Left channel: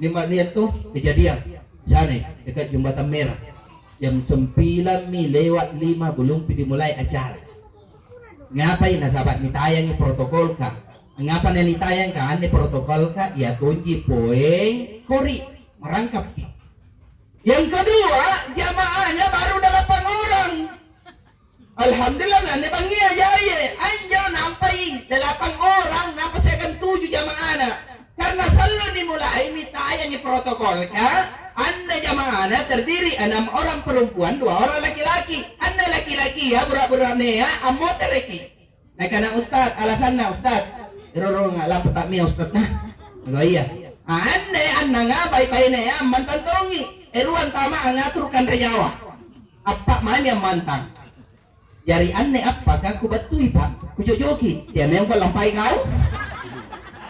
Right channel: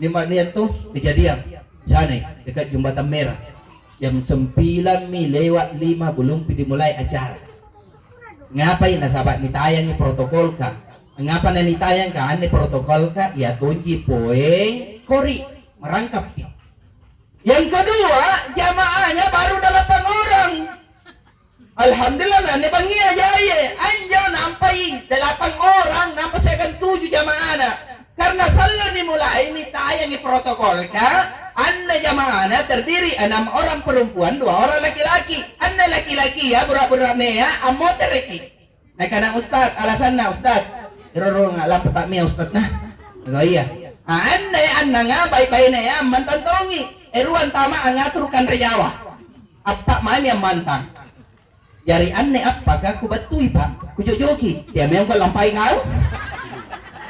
Niat tuh kejadian sana dekat jembatan merah jam 9 lewat 5 belum dimulai acara. Ngapain na sahabat nitayang ni protokol ka? Ngapa na nitayang ka? Ane protokol ka? Ya tunji poeng kori merangkap. Yang kedua jamaahnya baru 8 orang. Alhamdulillah na bangia jaya anjau nampai 8 orang nampai sekan 7 jamaah na. Karena selalu dimulai nitayang ni protokol ka. Anda jamaah terdiri 6 orang perempuan, 2 orang laki-laki. Anda laki-laki ya berat-berat ya amo tereki. Nah karena ustad alasan ustad iroro ngalah petak mia ustad nah. Oh iya. Anda baik-baik ya mantan tongi. Eruan tama ngaturkan rejawa. Apa man yang mantan? Jari aneh apakah ku batui pak? Ku jojoki. Dia memang kau lampai kau.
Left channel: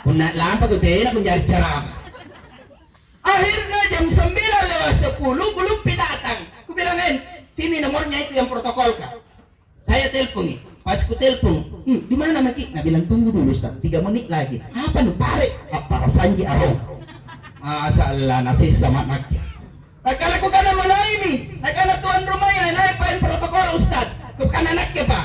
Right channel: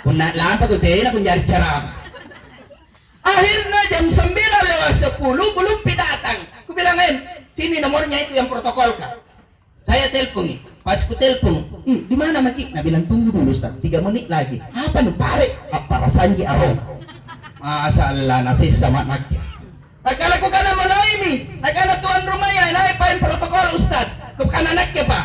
Punak lampa ku kira ku jari ceram. Akhirnya jam 9 lewat 10 belum datang. Ku bilangin, sini nomornya itu yang protokol kah? Saya telepon nih. Pas ku telepon, di mana Maki? Nah bilang tunggu dulu Ustaz, 3 menit lagi. Apa nu pare? Apa rasanji arong? Masalah nasi sama Maki. Tak kala ku kana mana ini? Tak kala tuan rumah ya, inai pain protokol Ustaz. Ku kana anaknya Pak.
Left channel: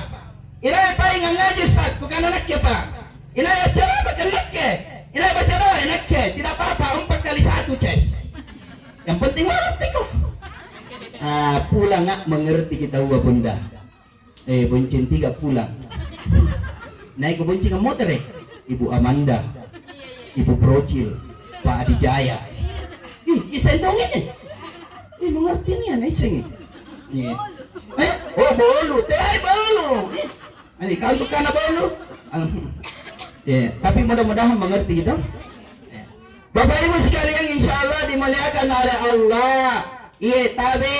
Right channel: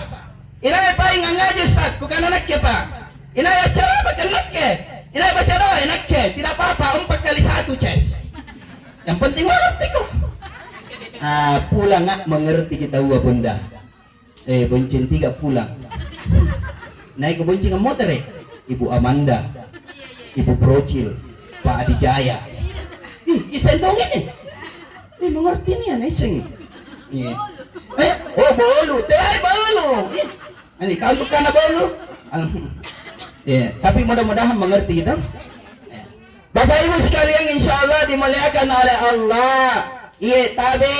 Inai pain ngaji Ustaz, ku kana anaknya Pak. Inai acara apa anaknya? Inai baca doa anaknya. Tidak apa-apa, 4 kali 1 ces. Yang penting mengerti kok. Pulang nggak mengerti kita gua bunda. Bonceng 3 pulang. Naik ke bonceng motor Ibu Amanda, Ibu Procil, Pak Adijaya. Isendong ini. Mengerti nih anak sing. Oh bolu, bolu. Ini kau bukan bolu. Tapi mudah-mudahan mengerti gitu. Bapak Ibu sekalian insya Allah dimuliakan oleh Allah. Iya tabe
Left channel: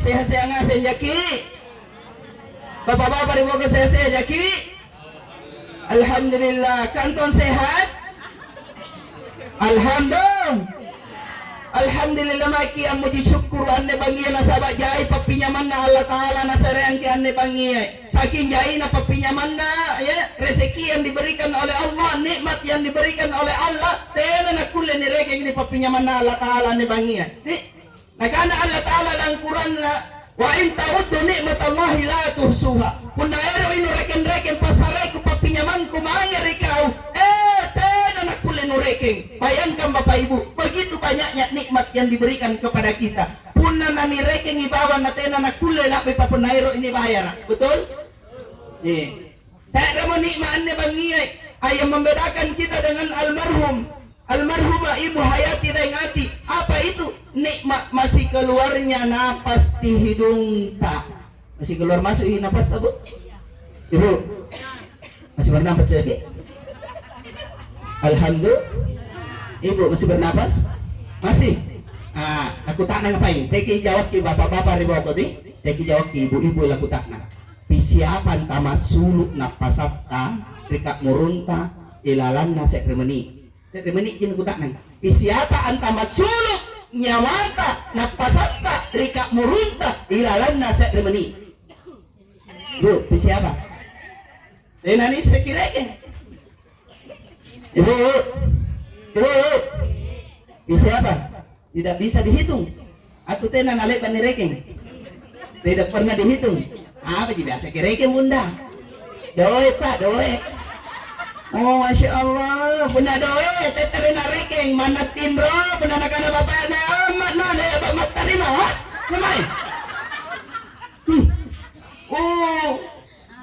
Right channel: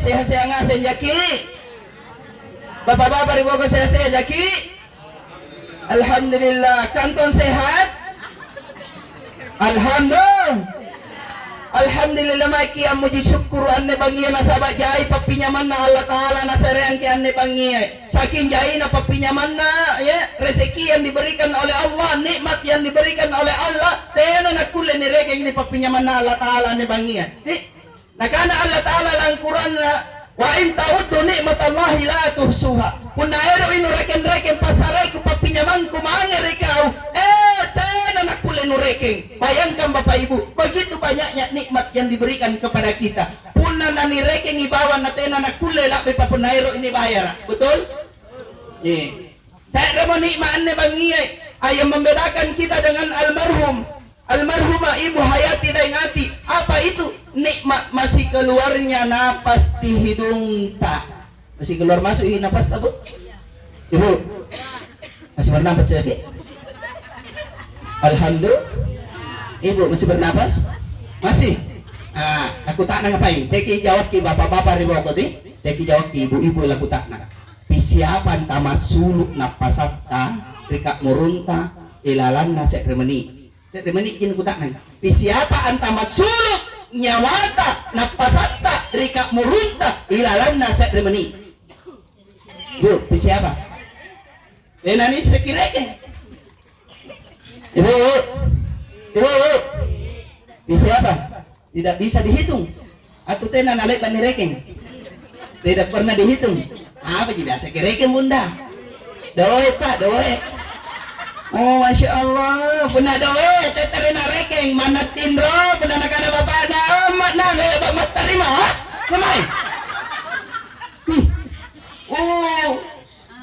sehat-sehat ngasen jaki. Bapak-bapak ibu sehat-sehat jaki. Alhamdulillah kanton sehat. Alhamdulillah maki yang muji syukur ane bangi nasabak jai papinyaman na Allah Ta'ala nasareang ki ane bangi saking jai na papinyaman na ya rezeki yang diberikan oleh Allah nikmat yang diberikan oleh Allah tena na kulle ni regeng ni papinyaman na Allah Ta'ala ane bangi na kana Allah Ta'ala lang Quran na wa in ta'uddu nikmat Allah la tuhsuha punna ero inu reken pasarai ku papinyaman ku mangeri kau tena na kulle nu regeng. Bayangkan Bapak Ibu, begitu banyaknya nikmat yang diberikan kepada kita. Punna nani reking ibawan na tena na kulle lapi papunairo ini bayar. Betul? Nih. Saya mau nikmat ne bangiyai ayam membedakan kita dengan almarhumah Ibu Hayati Daengati. Apa itu? Nikmat masih keluarnya napas di hidung tak. Masih keluar masuk napas tak Bu? Ibu. Masih bernapas lagi? Alhamdulillah. Ibu masih bernapas? Masih? Aku tak ngapain. Teki jawab ki bapak-bapak ribu aku di. Teki jawab ki ibu-ibu laku tak nak. Pisiapan tamat suluk napasatta rikak murunta ilalan na sekremeni. Sekremeni jin ku tak nang. Pisiapan tamat suluk nyawata napasatta rikak murunta ilalan na sekremeni. Bu, pisiapa? Nani sekireke. Ibu, bisa apa? Tidak bisa dihitung. Aku tena nalek dan nireking. Tidak pernah dihitung. Apa sih biasa kireking bunda? Doe pak, doe. Oh masya Allah, bunda doe. Teteri nareking mana tindro, bunda nakana bapak na amat na le bapak terima. Kemai? Oh,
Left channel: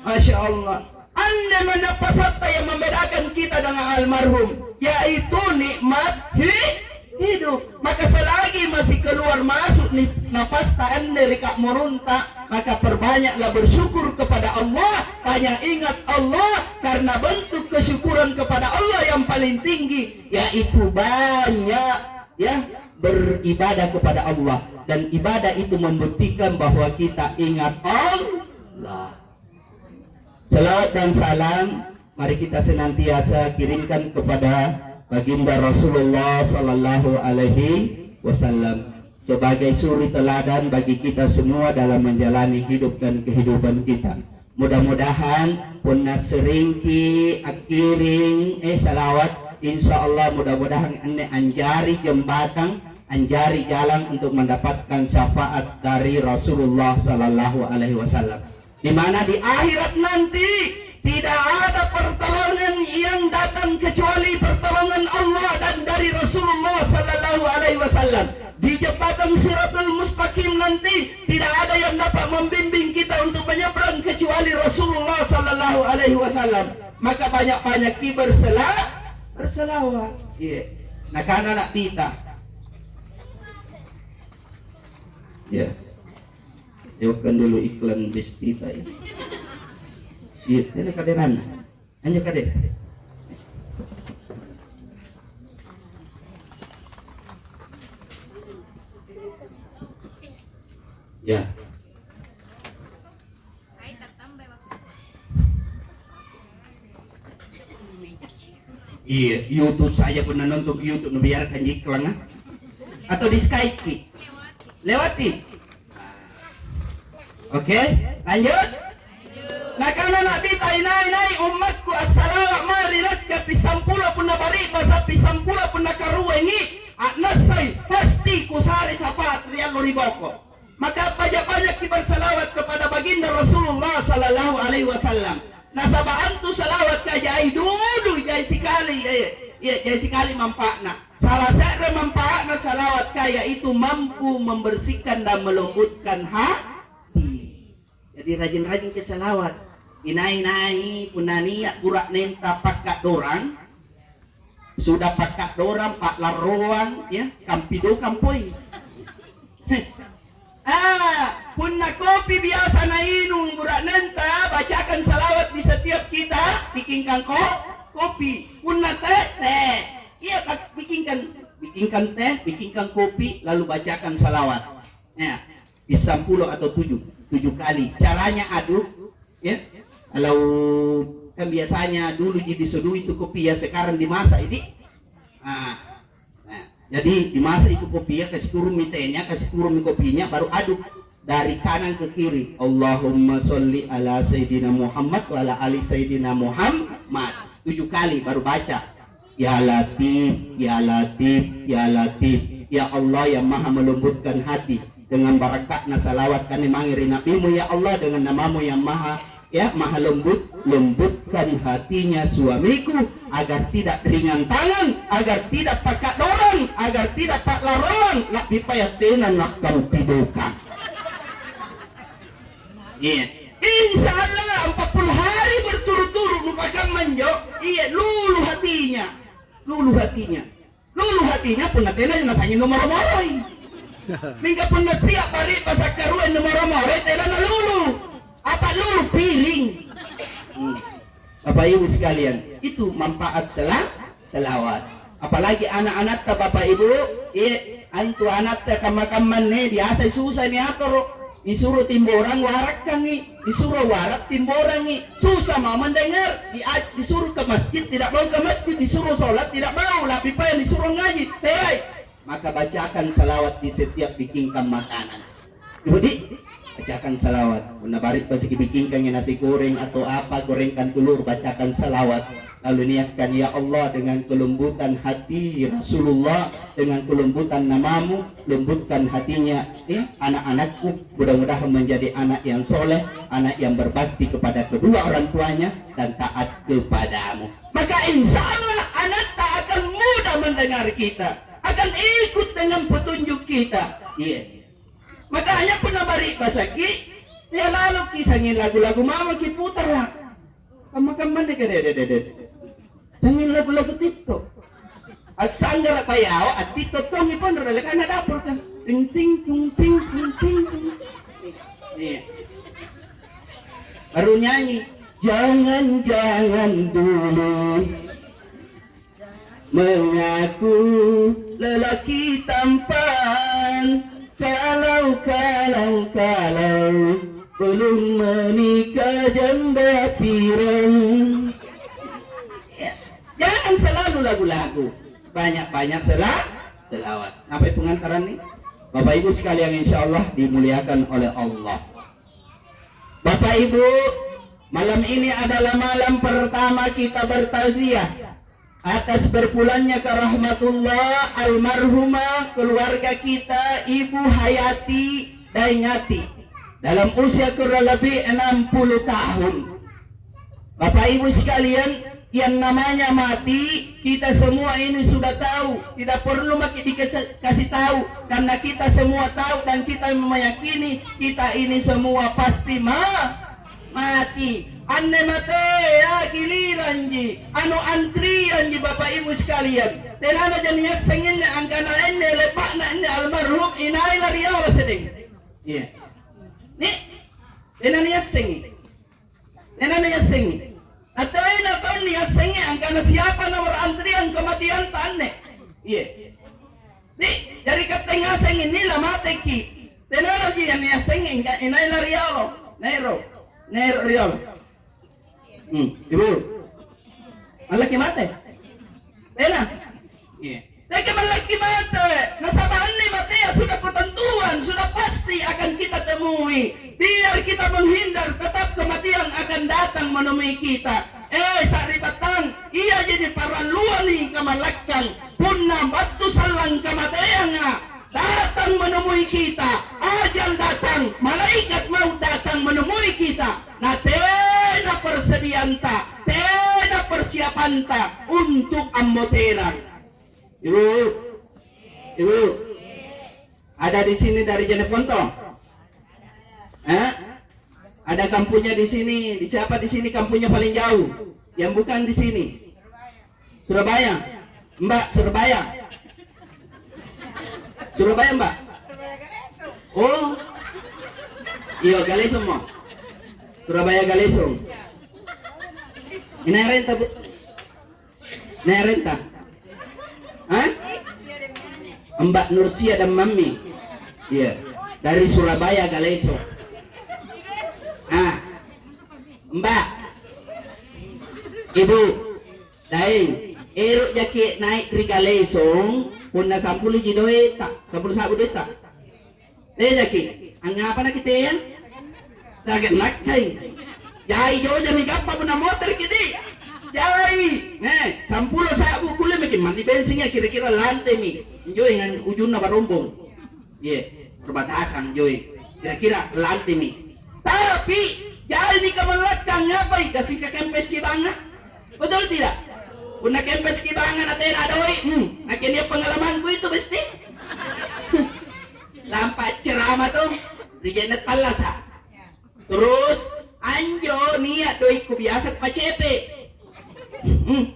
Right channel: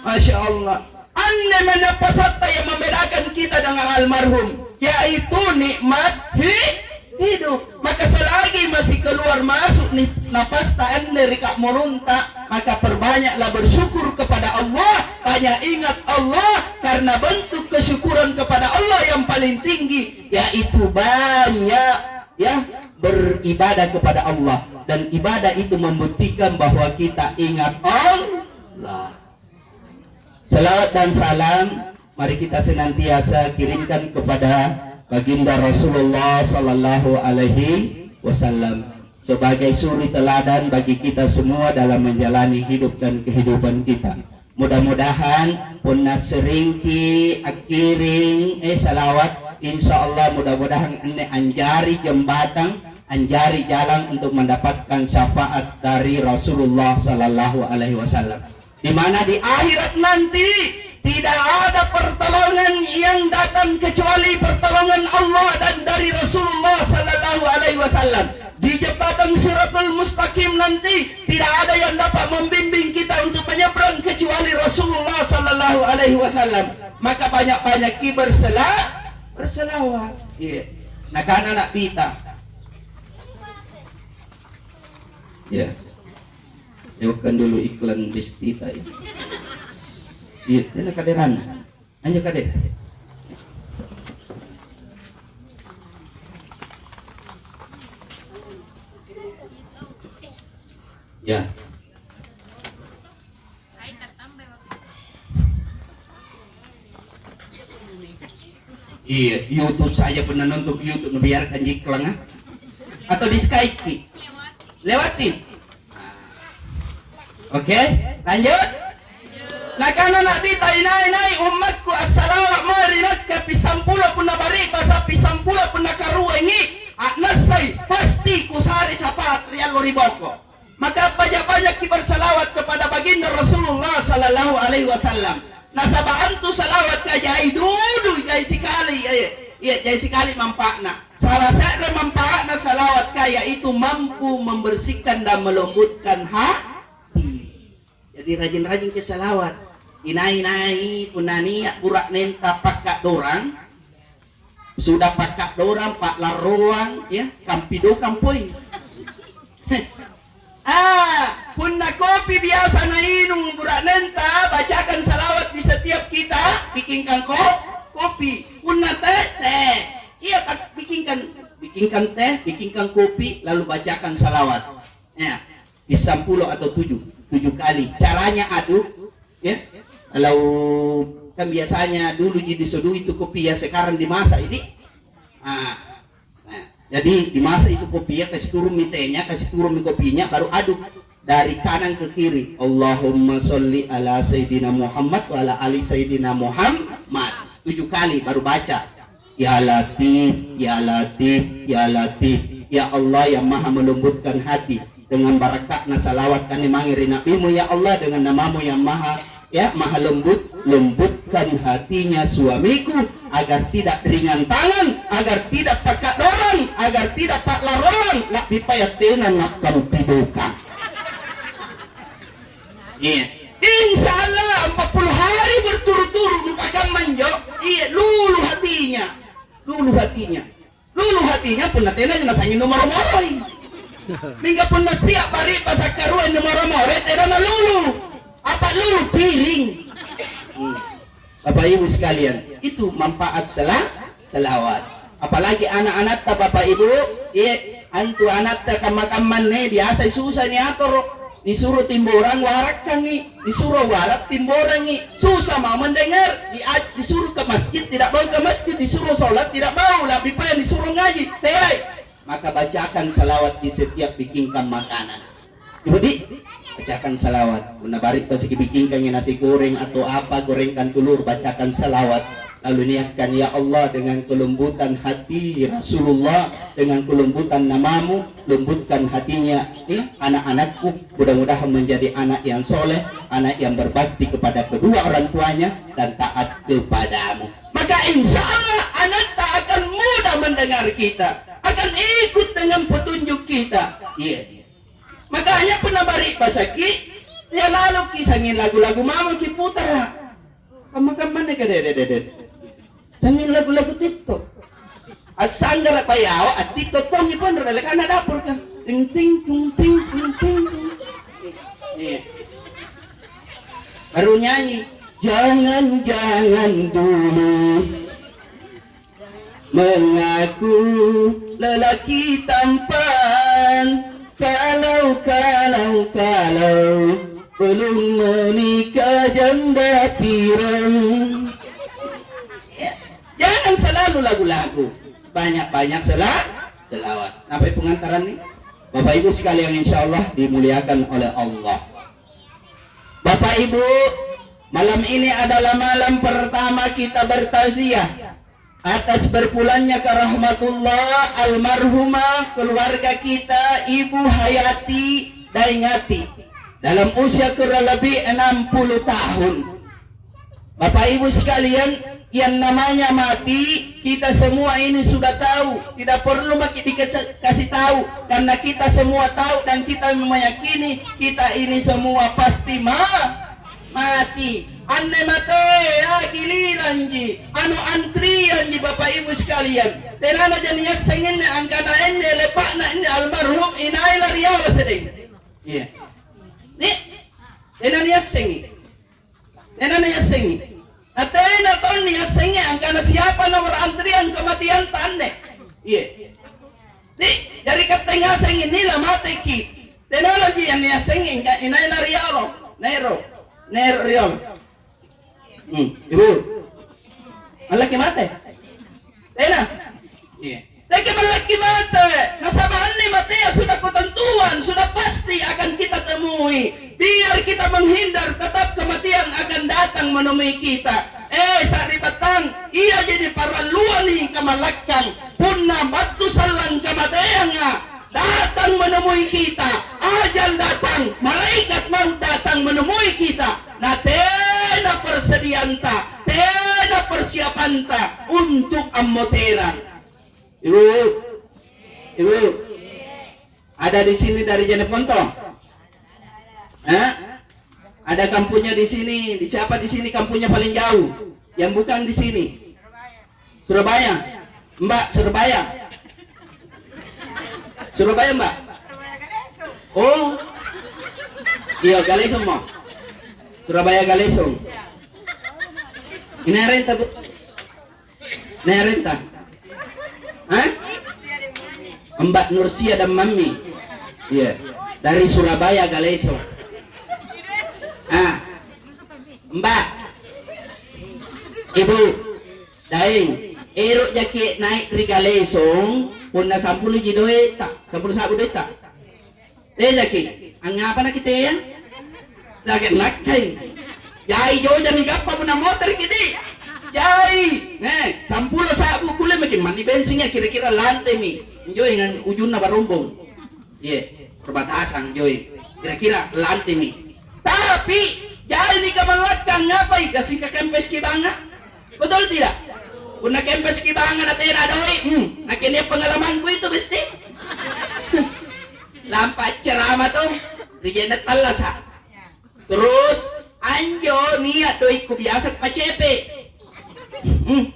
masya Allah. Anda menapasata yang membedakan kita dengan almarhum, yaitu nikmat hidup. Maka selagi masih keluar masuk nafas Anda rikak merunta, maka perbanyaklah bersyukur kepada Allah. Banyak ingat Allah, karena bentuk kesyukuran kepada Allah yang paling tinggi yaitu banyak ya beribadah kepada Allah, dan ibadah itu membuktikan bahwa kita ingat Allah. Salawat dan salam mari kita senantiasa kirimkan kepada baginda Rasulullah Sallallahu Alaihi Wasallam sebagai suri teladan bagi kita semua dalam menjalani hidup dan kehidupan kita. Mudah-mudahan punna seringki akiring salawat insya Allah mudah-mudahan ini anjari jembatan, anjari jalan untuk mendapatkan syafaat dari Rasulullah Sallallahu Alaihi Wasallam. Di mana di akhirat nanti tidak ada pertolongan yang datang kecuali pertolongan Allah dan dari Rasulullah Sallallahu Alaihi Wasallam. Di jembatan Siratul Mustaqim nanti tidak ada yang dapat membimbing kita untuk menyeberang kecuali Rasulullah Sallallahu Alaihi Wasallam. Maka banyak-banyak berselawat. Iya. Nah karena nak pita. Ya. Jauhkan dulu iklan Bestita ya. Iya, ini kaderan. Hanya kader. Ya. Iya, YouTube saya pernah nonton YouTube biarkan iklan atau di Skype. Lewatin. Oke, lanjut. Nah karena Nabi tainai umatku assalamu marinat ke pisampulo pun bari basa pisampulo pun karuwengi nasai pasti kusari sapat rial riboko. Maka banyak-banyak bersalawat kepada baginda Rasulullah Sallallahu Alaihi Wasallam. Nah sabaan tu salawat ka jai dulu jai sekali ya jai sekali manfaatna. Salah satu manfaatna salawat ka yaitu mampu membersihkan dan melembutkan hati. Jadi rajin-rajin ke salawat. Inai punania burak nenta pakak dorang. Sudah pakak dorang pak laruang ya kampido kampoy. Punna kopi biasa na inung burak nenta bacakan salawat di setiap kita bikinkan kopi. Punna teh. Iya bikinkan teh, bikinkan kopi lalu bacakan salawat. Ya, bisa 10 atau 7 kali. Caranya aduk ya. Kalau kan biasanya dulu jadi sodu itu kopi ya sekarang dimasak ini. Jadi dimasak itu kopi ya kasih turun mitenya, kasih turun kopinya baru aduk dari kanan ke kiri. Allahumma sholli ala sayyidina Muhammad wa ala ali sayyidina Muhammad. 7 kali baru baca. Ya Latif, ya Latif, ya Latif. Ya Allah yang maha melembutkan hati. Dengan barakatna salawat kami mangiri nabimu ya Allah dengan namamu yang maha lembutkan hatinya suamiku agar tidak ringan tangan, agar tidak pakai dorong, agar tidak pak larong, nak pipayat tenan nak piduka. Iya. Insya Allah 40 hari berturut-turut lupakan manjo. Iya, lulu hatinya pun natenan nasangin nomor-nomoroi. Mingga pun tiap hari pasak karuan nomor-nomoroi tenan na lulu. Apa lulu piring. Bapak Ibu sekalian, itu manfaat selawat. Apalagi anak-anak ta Bapak Ibu, antu anak ta kamakaman nih biasa susah nih atur. Disuruh timboran warak kangi, disuruh warak timboran nih. Susah mau mendengar, disuruh ke masjid tidak mau ke masjid, disuruh sholat tidak mau, lebih payah disuruh ngaji. Maka bacakan salawat di setiap bikinkan makanan. Jadi bacakan salawat. Una barit pas bikinkan nasi goreng atau apa, gorengkan telur, bacakan salawat. Lalu niatkan ya Allah dengan kelembutan hati Rasulullah, dengan kelembutan namamu, lembutkan hatinya ya, anak-anakku, mudah-mudahan menjadi anak yang soleh, anak yang berbakti kepada kedua orang tuanya dan taat kepadamu. Maka insya Allah anak tak akan mudah mendengar kita, akan ikut dengan petunjuk kita. Iya. Makanya pernah bari pasaki, ya lalu kisahnya lagu-lagu mama kiputar. Kamu-kamu nih kadeh. Sangin lagu-lagu TikTok. Asanggar payaw at TikTok ko ni pon rela kana dapur ka. Ting ting ting ting ting ting. Nih. Baru nyanyi, jangan dulu mengaku lelaki tampan. Kalau belum menikah janda pirang. Jangan selalu lagu-lagu, banyak-banyak selawat. Sampai pengantaran nih, Bapak Ibu sekalian insya Allah dimuliakan oleh Allah. Bapak Ibu, malam ini adalah malam pertama kita bertaziah. atas berpulangnya ke rahmatullah almarhumah keluarga kita Ibu Hayati Daingati dalam usia kurang lebih 60 tahun. Bapak Ibu sekalian, yang namanya mati kita semua ini sudah tahu, tidak perlu dikasih tahu karena kita semua tahu dan kita meyakini kita ini semua pasti mati. Anne mate ya giliran ji anu antrian ji Bapak Ibu sekalian tenana janiya sengin angkana enne lepakna enne almarhum inai lariala sedeng iya nih tenana ya sengi atena tahun ya sengi angkana siapa nomor antrian kematian tanne iya nih dari ketengah sengin nila mate ki tenana ji janiya sengi inai lariala nero riol. Ibu, malaki mate. Tena. Iya. Teke malaki mate. Nasabaan ni mate ya sudah ketentuan, sudah pasti akan kita temui. Biar kita menghindar, tetap kematian akan datang menemui kita. Sari batang, iya jadi para luani kamalakang. Punna batu salang kematian datang menemui kita. Ajal datang, malaikat mau datang menemui kita. Nah, tena persedianta, tena persiapanta untuk ammotera. Ibu, ada di sini dari Jeneponto? Ada kampungnya di sini. Di siapa di sini kampungnya paling jauh? Yang bukan di sini? Surabaya. Mbak, Surabaya. Surabaya, Mbak. Oh, iya Galesong mo. Surabaya Galesong. Inerenta bu? Inerenta? Mbak Nursia dan Mami. Iya. Dari Surabaya Galesong. Mbak. Ibu. Daing. Erok jaki naik dari Galesong. Punna 10 jidoe tak. 10 sabu deh tak. Jaki. Angapa na kita ya? Lagi nakay. Jai jo jami gappa puna motor kidi. Jai. 10 sabu kule makin mandi bensinnya kira-kira lantai mi. Joy dengan ujung na barombong. Iya, perbatasan joy. Kira-kira lantai mi. Tapi jai di kamalakang ngapai kasih ke kempes kibanga. Betul tidak? Puna kempes kibanga na tera doi. Akhirnya pengalamanku itu besti. Lampat ceramah tuh. Rijenet talasa. Terus anjo niat doi ku biasa pacepe.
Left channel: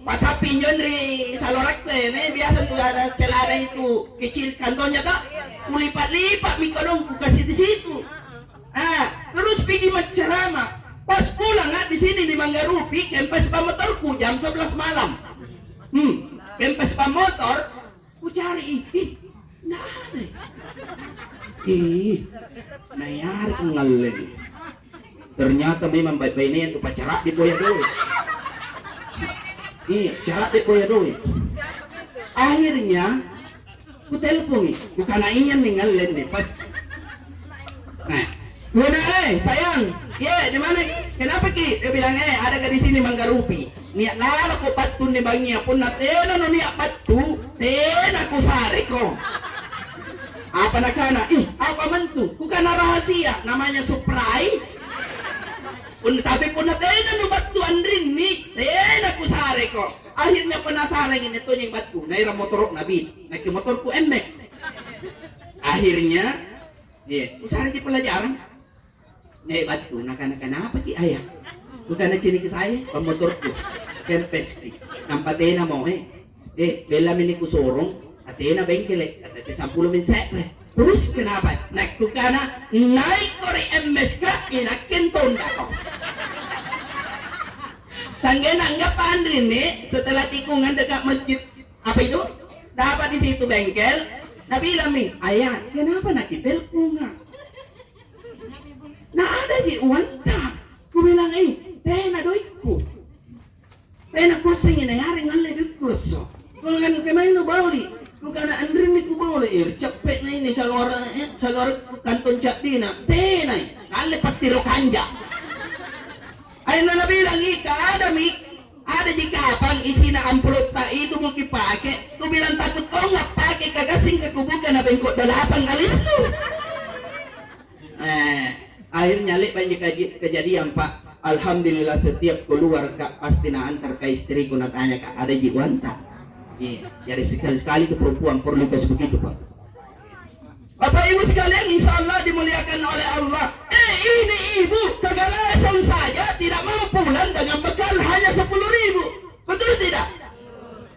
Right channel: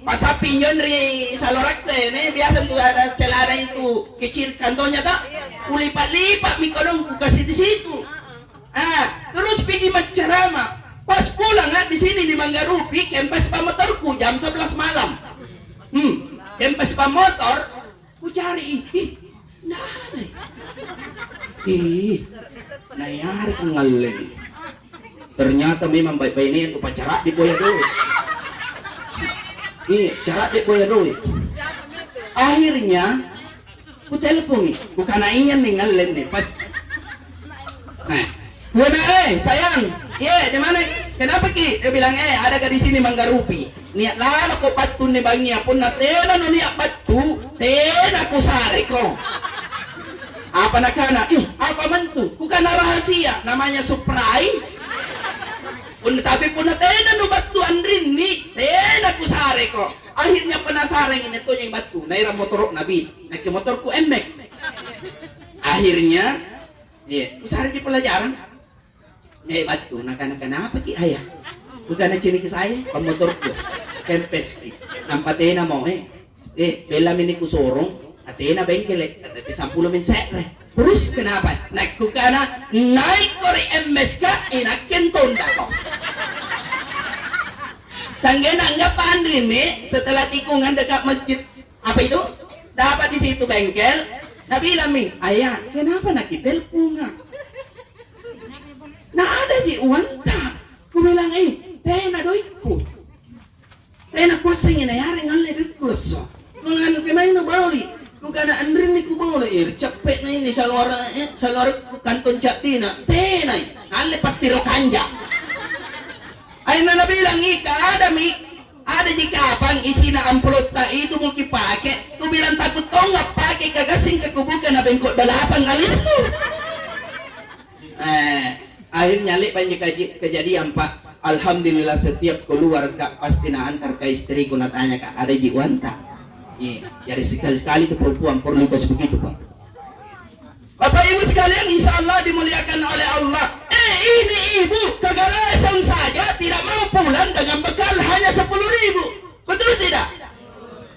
Pasapi nyon ri salorak teh ne biasa tuh ada celana itu kecil kantonnya tak kulipat-lipat mikodong ku kasih di situ. Terus pergi menceramah. Pas pulang di sini di Manggarupi kempes pamotorku jam 11 malam. Kempes pamotor ku cari nah ada. Nayari ang ngalen. Ternyata memang baik-baik ini yang kupacarak di Boya Doe. Carak di Boya Doe. Akhirnya ku telepon ku kanaian nih ngalen deh pas. Nah, gua sayang, di mana? Kenapa ki? Dia bilang ada ke di sini Manggarupi. Niat lala ko patun ni bangia pun na tena no niat patu, tena ku sare ko. Apa nakana? Apa mentu? Bukan rahasia, namanya surprise. Tapi pun na tena no batu andrin ni, tena ku sare ko. Akhirnya penasaran ini tuh yang batu. Naira motor nabi, naik motorku MX. Akhirnya, ku sare di pelajaran. Batu, nakana apa ki ayah? Bukan cini ke saya, pemotorku, kempes ki. Sampai tena mo bela mini ku sorong. Atena bengkel kata 10 min sekre. Terus kenapa? Naik ku kana naik kori MSK inakin tonda ko. Sanggena enggak pandrin nih setelah tikungan dekat masjid apa itu? Dapat di situ bengkel. Nabilang mi, ayah, kenapa nak telepon nga? Nah ada di uang tak. Ku bilang tena doiku. Tena kusing ina yari ngalle dukus. Ngan kemain no bauli. Bukan andrin ni kubaw cepet na ini salor kanton chatina tenay ale patiro kanja ay na nabilang ada ada di kapang isi na amplot ta itu mau kipake. Tu bilang takut kau nggak pakai kagasing ke kubukan apa yang kok dalapan alis lu. Akhirnya lihat banyak kejadian Pak. Alhamdulillah setiap keluar Kak pasti na antar ke istriku na tanya Kak ada di wanta. Iya, jadi sekali-sekali itu perempuan perlu kos begitu Pak. Bapak Ibu sekalian insya Allah dimuliakan oleh Allah. Ini ibu kegalasan saja tidak mau pulang dengan bekal hanya 10.000. Betul tidak?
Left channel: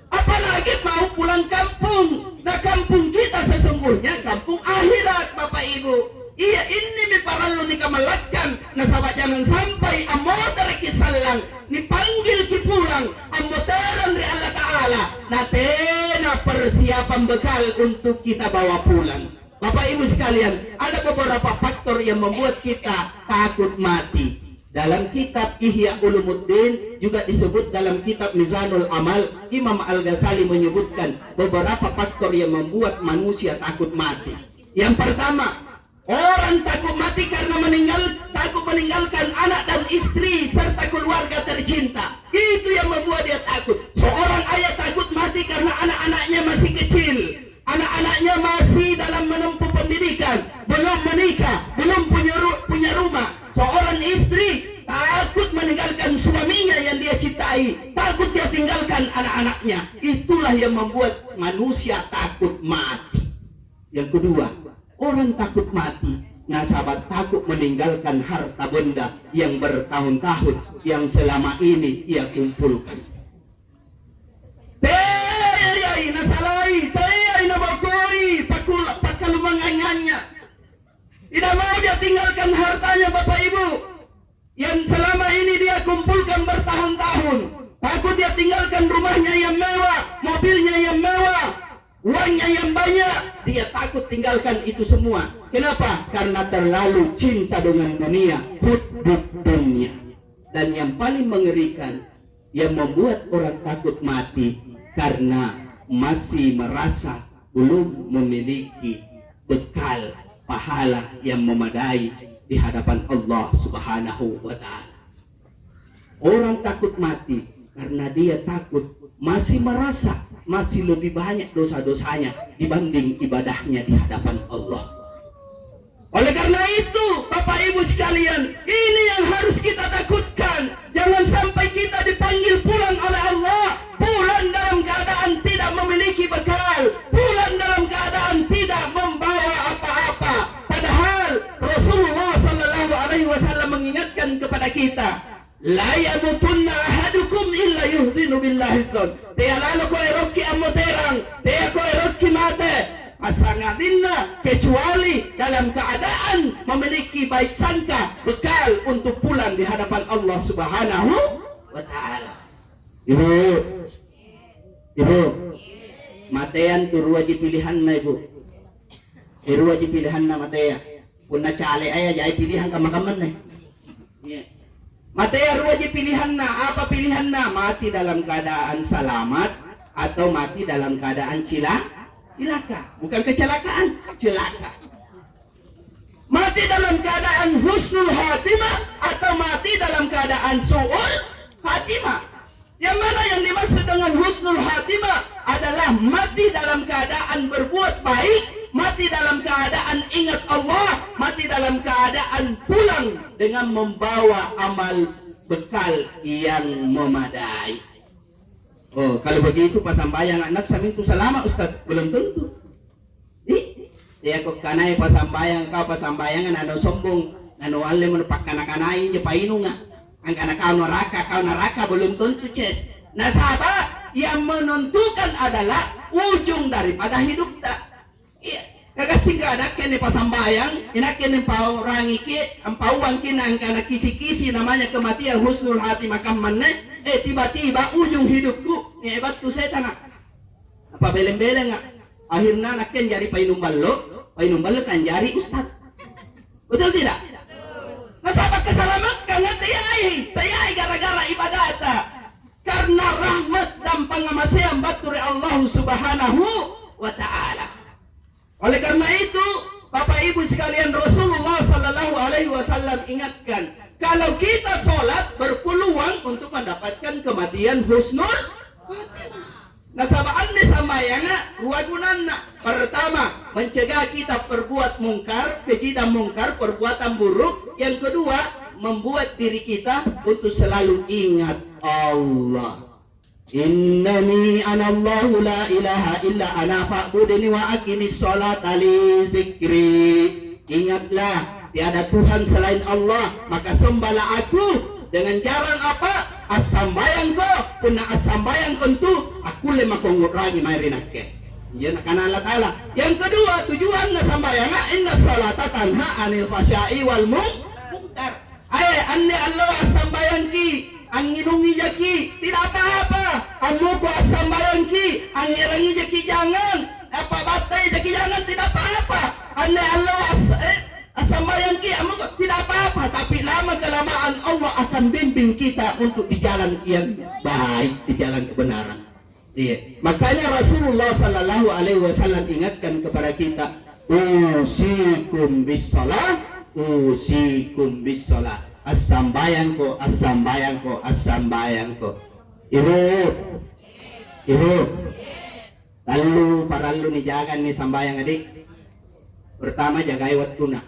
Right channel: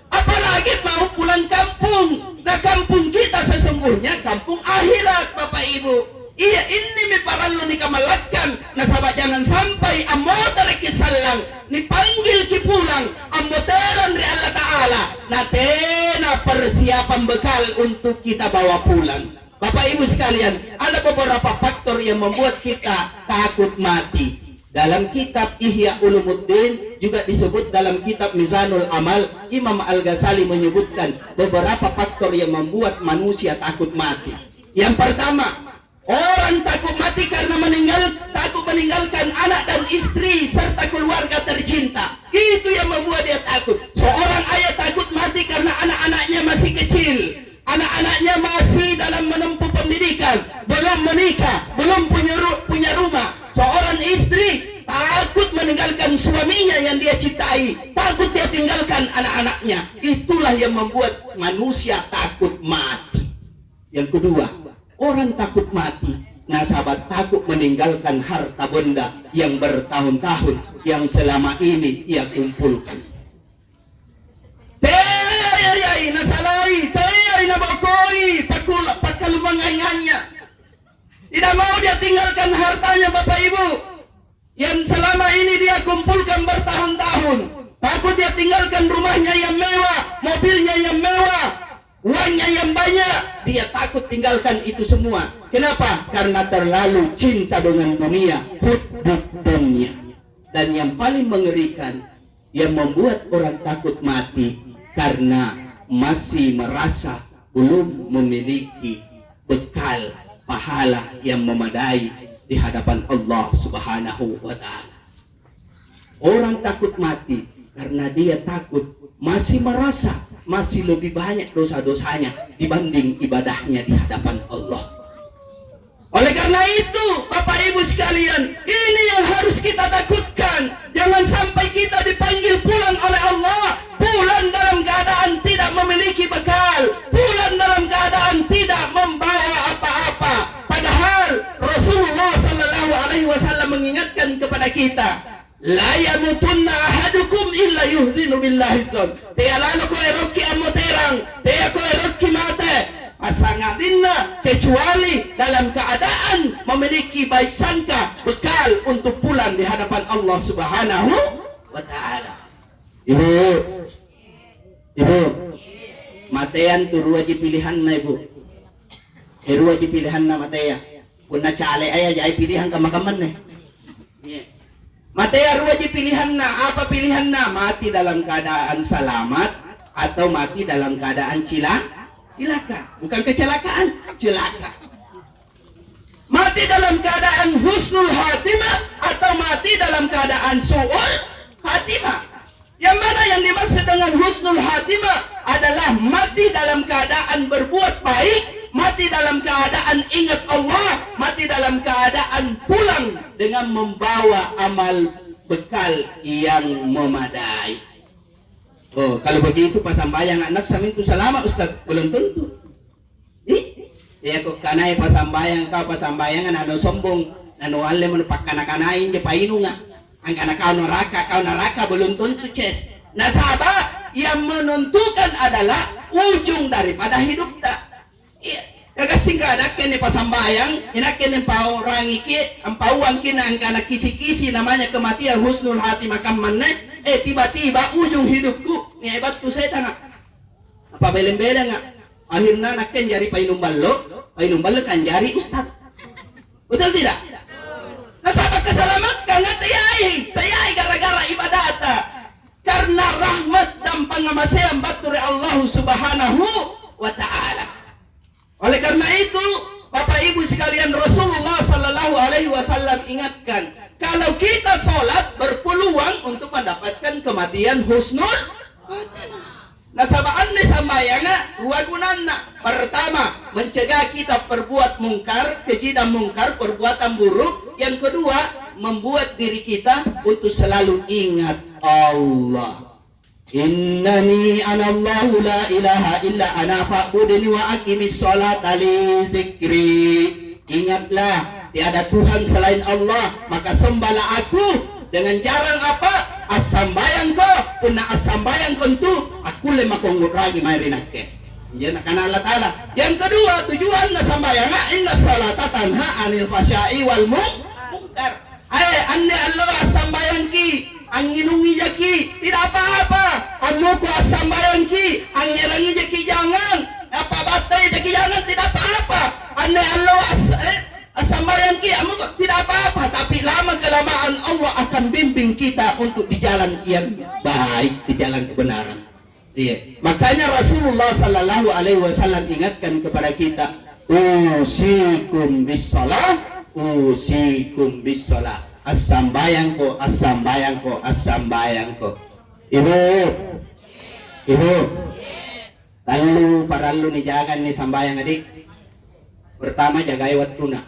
Apalagi mau pulang kampung. Nah kampung kita sesungguhnya kampung akhirat Bapak Ibu. Iya ini mi parallu ni kamalakan. Nah sahabat jangan sampai ammo tarik salang ni panggil ki pulang ammo teran dari Allah Ta'ala. Nah tena persiapan bekal untuk kita bawa pulang. Bapak Ibu sekalian, ada beberapa faktor yang membuat kita takut mati. Dalam kitab Ihya Ulumuddin juga disebut dalam kitab Mizanul Amal, Imam Al-Ghazali menyebutkan beberapa faktor yang membuat manusia takut mati. Yang pertama, orang takut mati karena takut meninggalkan anak dan istri serta keluarga tercinta. Itu yang membuat dia takut. Seorang ayah takut mati karena anak-anaknya masih kecil. Anak-anaknya masih dalam menempuh pendidikan, belum menikah, belum punya rumah. Seorang istri takut meninggalkan suaminya yang dia cintai, takut dia tinggalkan anak-anaknya. Itulah yang membuat manusia takut mati. Yang kedua, orang takut mati. Nah sahabat, takut meninggalkan harta benda yang bertahun-tahun, yang selama ini ia kumpulkan. Tidak mau dia tinggalkan hartanya Bapak Ibu yang selama ini dia kumpulkan bertahun-tahun. Takut dia tinggalkan rumahnya yang mewah, mobilnya yang mewah, uangnya yang banyak. Dia takut tinggalkan itu semua. Kenapa? Karena terlalu cinta dengan dunia, hubbud dunia. Dan yang paling mengerikan yang membuat orang takut mati karena masih merasa belum memiliki bekal pahala yang memadai di hadapan Allah Subhanahu wa Ta'ala. Orang takut mati karena dia takut masih merasa masih lebih banyak dosa-dosanya dibanding ibadahnya di hadapan Allah. Oleh karena itu Bapak Ibu sekalian, ini yang harus kita takutkan. Jangan sampai kita dipanggil pulang oleh Allah, pulang dalam keadaan tidak memiliki bekal, pulang dalam keadaan tidak membawa apa-apa. Padahal Rasulullah Sallallahu Alaihi Wasallam mengingatkan kepada kita, la yamutunna ahadukum illa yuhzinu billahi dzon. Dia lalu ko eroki ammo terang, dia ko eroki mate. Pasangatinna kecuali dalam keadaan memiliki baik sangka bekal untuk pulang di hadapan Allah Subhanahu wa Ta'ala. Ibu, matean tu ruwaji pilihan na ibu. Ruwaji pilihan na mateya. Punna cale aya jai pilihan kamakaman na. Mateya ruwaji pilihan na. Apa pilihan na? Mati dalam keadaan selamat atau mati dalam keadaan cilaka. Bukan kecelakaan, celaka. Mati dalam keadaan husnul khatimah atau mati dalam keadaan su'ul khatimah. Yang mana yang dimaksud dengan husnul khatimah adalah mati dalam keadaan berbuat baik, mati dalam keadaan ingat Allah, mati dalam keadaan pulang dengan membawa amal bekal yang memadai. Oh, kalau begitu pasambayang anak samin itu selama Ustaz, belum tentu. Dia kok kanai pasambayang kau pasambayangan anu sombong, anu wale menupak kanai je painu nga. Ang kana kau neraka belum tentu ces. Nah sahabat, yang menentukan adalah ujung daripada hidup tak. Iya, kagak singkada kene pasambayang, ina kene pau rangiki, ampauang kina ang kana kisi-kisi namanya kematian husnul hatimah kammanne. Tiba-tiba ujung hidupku ni hebat tu saya tanga apa beleng-beleng nga akhirnya nakken jari painum ballo kan jari ustad. Betul tidak? Nasabak kesalamat kang tayai gara-gara ibadata karena rahmat dan pangamasean bature Allah Subhanahu wa Ta'ala. Oleh karena itu Bapak Ibu sekalian, Rasulullah Sallallahu Alaihi Wasallam ingatkan, kalau kita sholat berpeluang untuk mendapatkan kematian husnul khotimah. Nasabaan ni sambayang dua gunana. Pertama, mencegah kita perbuat mungkar, kejidan mungkar, perbuatan buruk. Yang kedua, membuat diri kita untuk selalu ingat Allah. Innani anallahu la ilaha illa ana fa'budni wa aqimis sholata li dzikri. Ingatlah tiada Tuhan selain Allah, maka sembahlah aku dengan cara apa? Asambayang ko, puna asambayang ko tu aku lemah kongurangi mairinakke. Ya nak Allah Taala. Yang kedua, tujuan nasambayang inna salata tanha anil fahsya'i wal munkar. Anne Allah asambayang ki, anginungi jaki, tidak apa-apa. Anu ko asambayang ki, angirangi jaki jangan. Apa batai jaki jangan, tidak apa-apa. Anne Allah asambayang ki, anu ko tidak apa-apa. Tapi lama kelamaan Allah akan bimbing kita untuk di jalan yang baik, di jalan kebenaran. Iya. Makanya Rasulullah Sallallahu Alaihi Wasallam ingatkan kepada kita, usikum bisalah, usikum bisalah. Asambayangko, asambayangko, asambayangko. Ibu, lalu paralu nih jagan nih sambayang adik. Pertama jagai waktu na.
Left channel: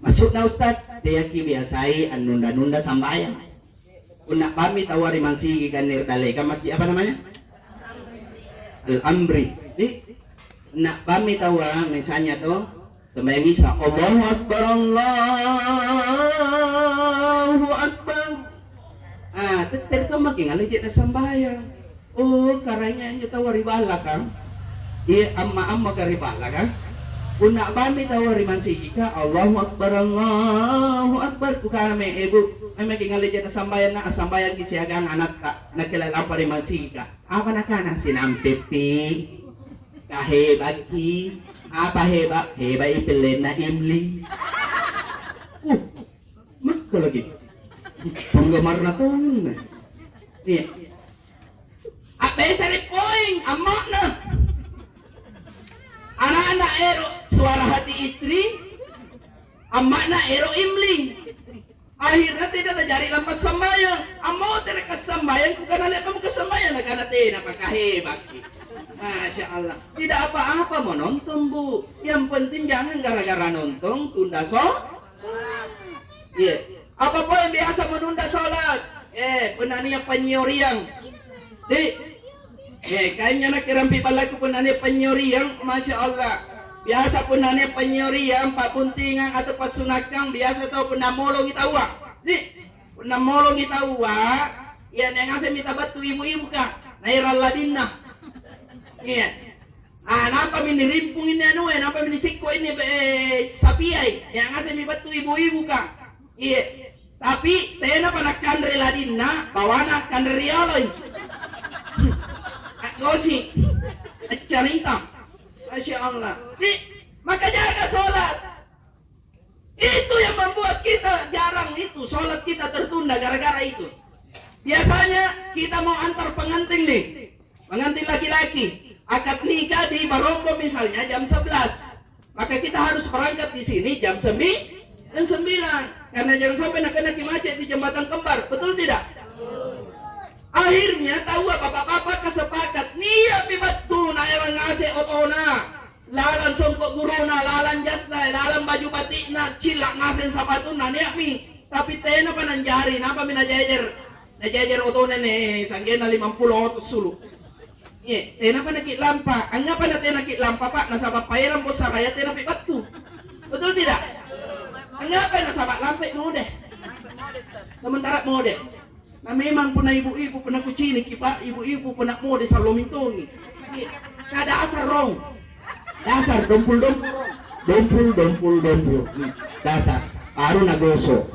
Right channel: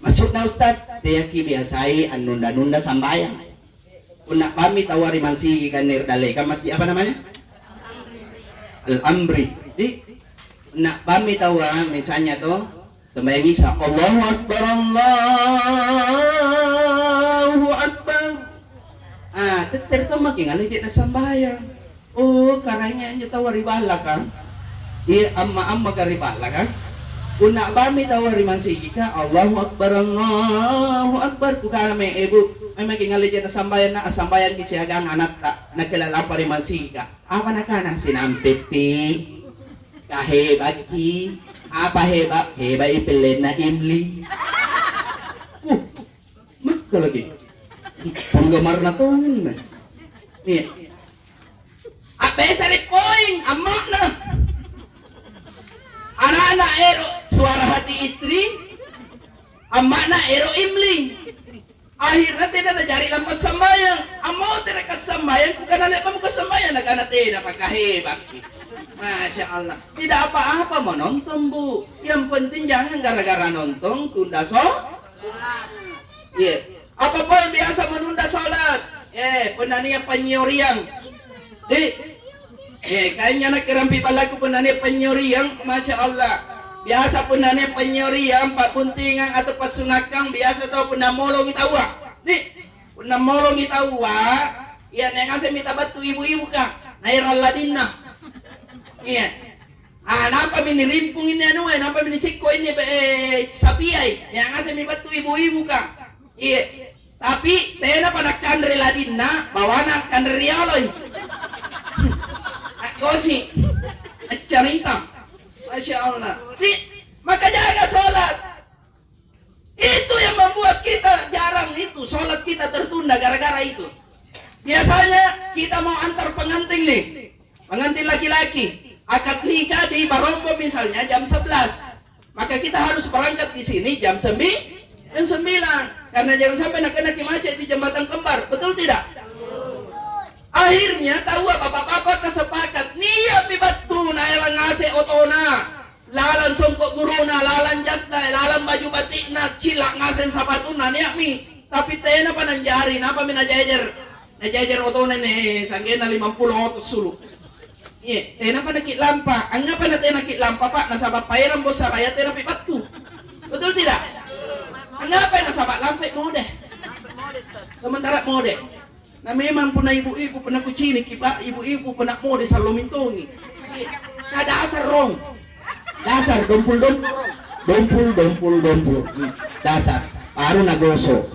Masuk na Ustad, dia ki biasai nunda-nunda sambayang. Una kami tawari mansi kan nirdale kan masih apa namanya? Al-Amri. Di una kami tawa misalnya tuh sembahyang Isya, Allahu Akbar, Allahu Akbar. Teter tuh makin ngani tidak sambayang. Oh, karanya aja tawari bala kan? Iya, amma karibala kan? Una kami tawari mansi ka Allahu Akbar, Allahu Akbar. Kukame ibu. May magingali dyan na sambayan kisiagang anak ta, nakilala pa rin mansika. Apa na ka na sinampipi, kahebagi, apa heba ipilin na imli. Maka lagi. Penggemar na to. Nih. Apa sari poing, amak na. Anak-anak ero, suara hati istri, amak na ero imli. Akhirnya tidak terjadi lampas sambayang. Amo tidak kesambayang, bukan anak kamu kesambayang. Nagana tidak pagkahebak. Masya Allah. Tidak apa-apa mau nonton bu. Yang penting jangan gara-gara nonton tunda sholat. Iya. Apa pun yang biasa menunda sholat. Penania penyuriang. Kayaknya nak kirampi palaku penania penyuriang. Masya Allah. Biasa pun nanya penyuriang, pak puntingan atau pasunakang biasa tau pun namolong kita wa. Nih, pun namolong kita wa. Ya neng ase minta batu ibu-ibu kah? Nairal ladinna. Iya. Napa mini rimpung ini anu, napa mini siko ini sapiai. Yang ase mi batu ibu-ibu kah? Iya. Tapi tena pada kandre ladinna, bawana kandre rialoy. Aku sih cerita. Masya Allah. Maka jaga sholat. Itu yang membuat kita jarang itu. Sholat kita tertunda gara-gara itu. Biasanya kita mau antar pengantin nih. Pengantin laki-laki. Akad nikah di Barongko misalnya jam 11. Maka kita harus berangkat di sini jam 9. Karena jangan sampai nak kena macet di jembatan kembar. Betul tidak? Akhirnya tahu bapak-bapak kesepakat niya pibatu na ilang ngase otona lalan songkok guruna lalan jasna lalan baju batik na cilak ngasen sapatuna niya mi tapi tena pa nanjari napa mi najajar otona ne sanggena 50 otos sulu tena pa nakit lampa ang nga pa na tena nakit lampa pa nasabak pairan bos saraya tena pibatu betul tidak? Ang nga pa nasabak lampa mode sementara mode na memang pernah ibu-ibu pernah kucinik, ibu-ibu pernah mau di salomintongi. Kada asar rong. Dasar dompul. Dasar. Baru nagoso.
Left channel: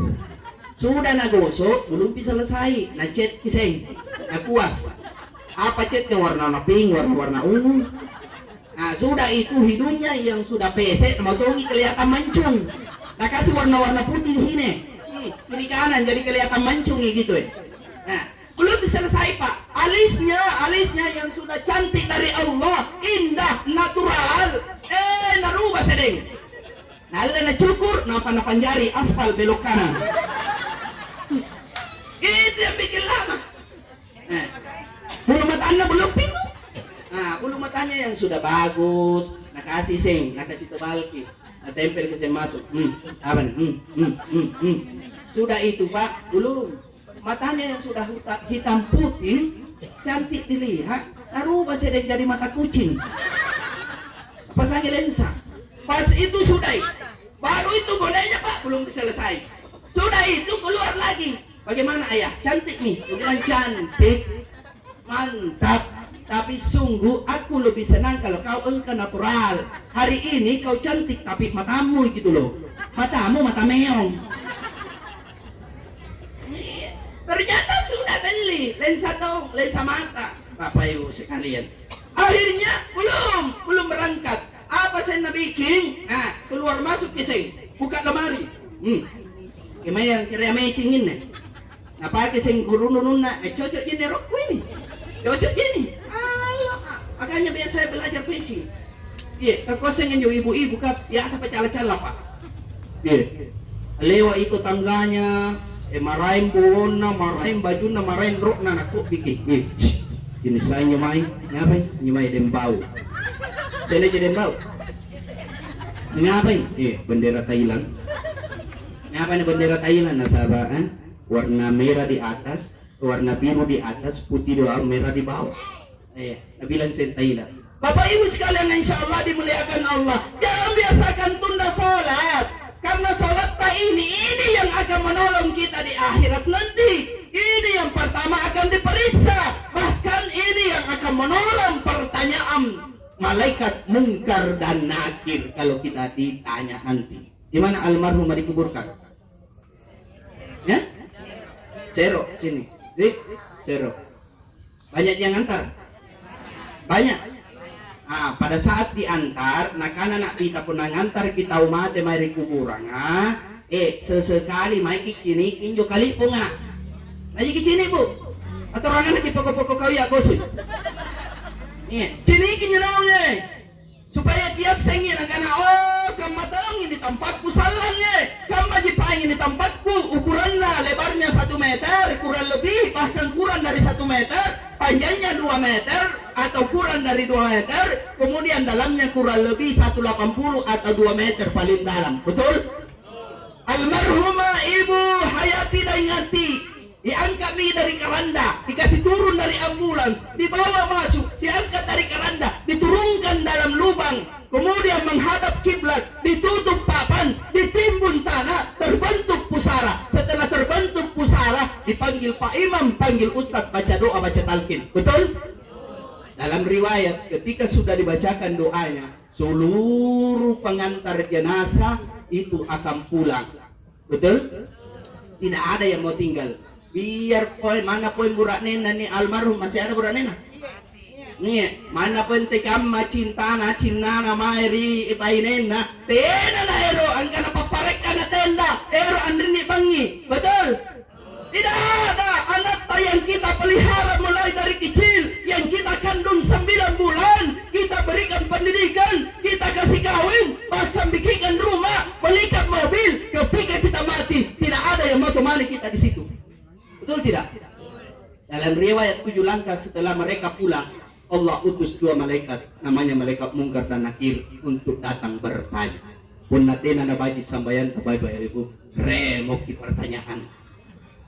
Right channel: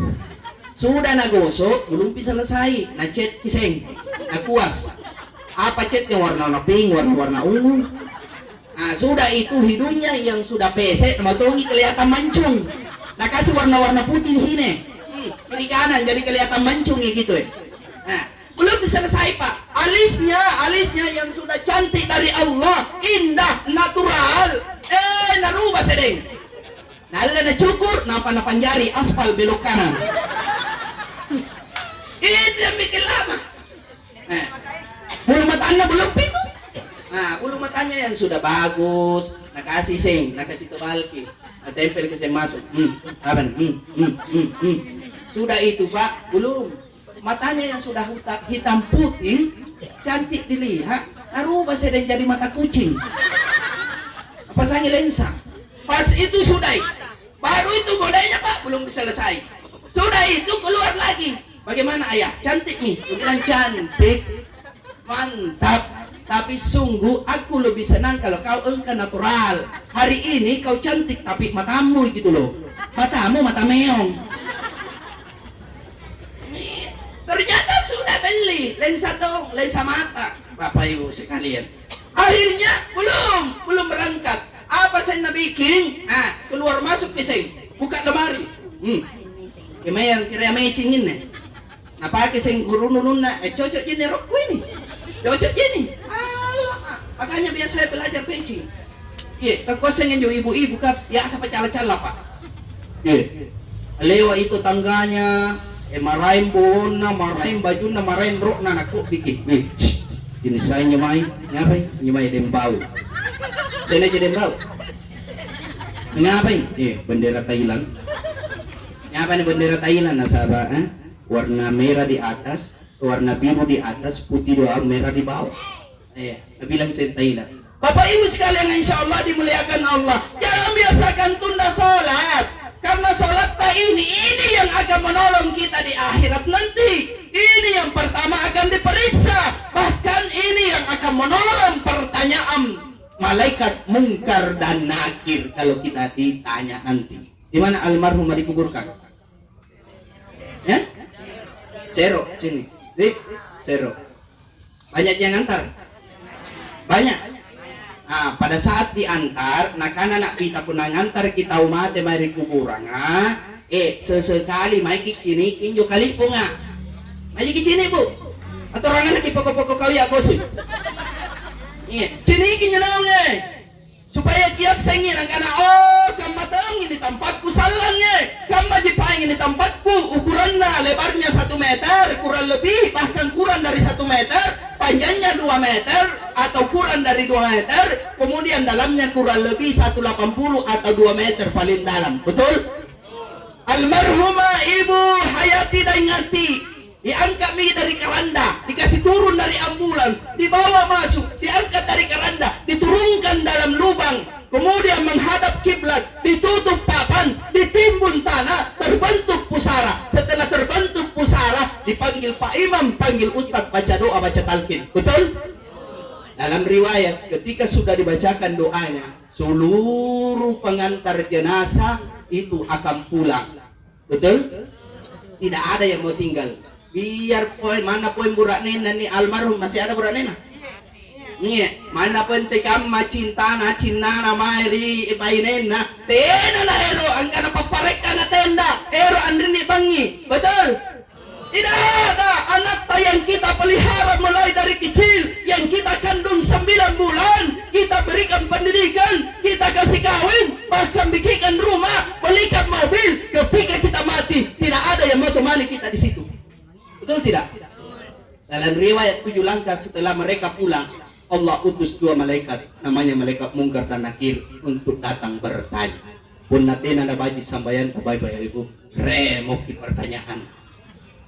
Sudah nagoso, belum bisa selesai. Nacet kiseng, nakuas. Apa cetnya warna pink, warna ungu. Sudah itu hidungnya yang sudah pesek, motongi kelihatan mancung. Nah kasih warna-warna putih di sini. Kiri kanan jadi kelihatan mancung gitu ya. Nah, belum selesai pak. Alisnya yang sudah cantik dari Allah, indah, natural. Narubah sedeng. Nala na cukur, napa na panjari aspal belok kanan. Itu yang bikin lama yang sudah bagus, nakasih sing, nakasih tebalki, tempel ke sing masuk. Apa nih? Sudah itu Pak, belum. Matanya yang sudah hitam putih, cantik dilihat, rubah sudah jadi mata kucing. Apa saja lensa. Pas itu sudah, baru itu godenya Pak, belum selesai. Sudah itu keluar lagi. Bagaimana ayah? Cantik nih. Kemudian cantik, mantap. Tapi sungguh aku lebih senang kalau kau engkau natural. Hari ini kau cantik tapi matamu gitu loh. Matamu mata meong. Ternyata sudah beli lensa mata, Bapak Ibu sekalian. Akhirnya belum berangkat. Apa saya bikin? Keluar masuk ke sini, buka lemari. Kemayan kira matching ini. Napa ke sing guru nununa? Cocok ini rokku ini. Cocok ini. Alah, makanya biasa saya belajar pitching. Iya, kekosengin jo ibu-ibu kap, ya sampai cala-cala Pak. Iya. Lewat itu tangganya. Marahin bona, marahin baju, marahin rok, aku bikin. Ini saya nyemai dembau. Saya aja dembau. Ngapain? Bendera Thailand. Ngapain bendera Thailand, sahabat? Warna merah di atas, warna biru di atas, putih doang, merah di bawah. Bilang saya Thailand. Bapak Ibu sekalian, insya Allah dimuliakan Allah. Jangan biasakan tunda sholat. Karena sholat ini yang akan menolong kita di akhirat nanti. Ini yang pertama akan diperiksa. Bahkan ini yang akan menolong pertanyaan malaikat mungkar dan nakir kalau kita ditanya nanti. Di mana almarhum dikuburkan? Ya? Zero sini. Zero. Banyak yang antar? Banyak. Pada saat diantar, nak kita pun ngantar kita umat mari kuburan. Sesekali mai kini kinjo kali po nga. Mai kini Bu. Atau orang anak pokok-pokok kau ya kosi. Sini kinyo naon supaya dia sengin ang kana kamatang ini tempatku salangnya. Kamma jipaing ini tempatku ukuran lebarnya 1 meter kurang lebih, bahkan kurang dari 1 meter, panjangnya 2 meter atau kurang dari 2 meter, kemudian dalamnya kurang lebih 180 atau 2 meter paling dalam. Betul? Almarhumah Ibu Hayati Daingati diangkat dari keranda, dikasih turun dari ambulans, dibawa masuk, diangkat dari keranda, diturunkan dalam lubang, kemudian menghadap kiblat, ditutup papan, ditimbun tanah, terbentuk pusara. Setelah terbentuk pusara, dipanggil Pak Imam, panggil Ustadz, baca doa, baca talqin. Betul? Dalam riwayat, ketika sudah dibacakan doanya, seluruh pengantar jenazah itu akan pulang. Betul? Tidak ada yang mau tinggal. Biar poin mana poin burak nena nih almarhum, masih ada burak nena? Nih, mana pun tekam macintana cinana mairi ipainena tena na ero angkana paparek kana tenda ero andrini bangi. Betul? Tidak ada anak yang kita pelihara mulai dari kecil, yang kita kandung 9 bulan, kita berikan pendidikan, kita kasih kawin, bahkan bikinkan rumah, belikan mobil. Ketika kita mati, tidak ada yang mau temani kita di situ. Betul tidak? Dalam riwayat 7 langkah setelah mereka pulang, Allah utus 2 malaikat, namanya malaikat mungkar dan nakir, untuk datang bertanya. Pun natena na baji sambayan tabay ibu remoki pertanyaan.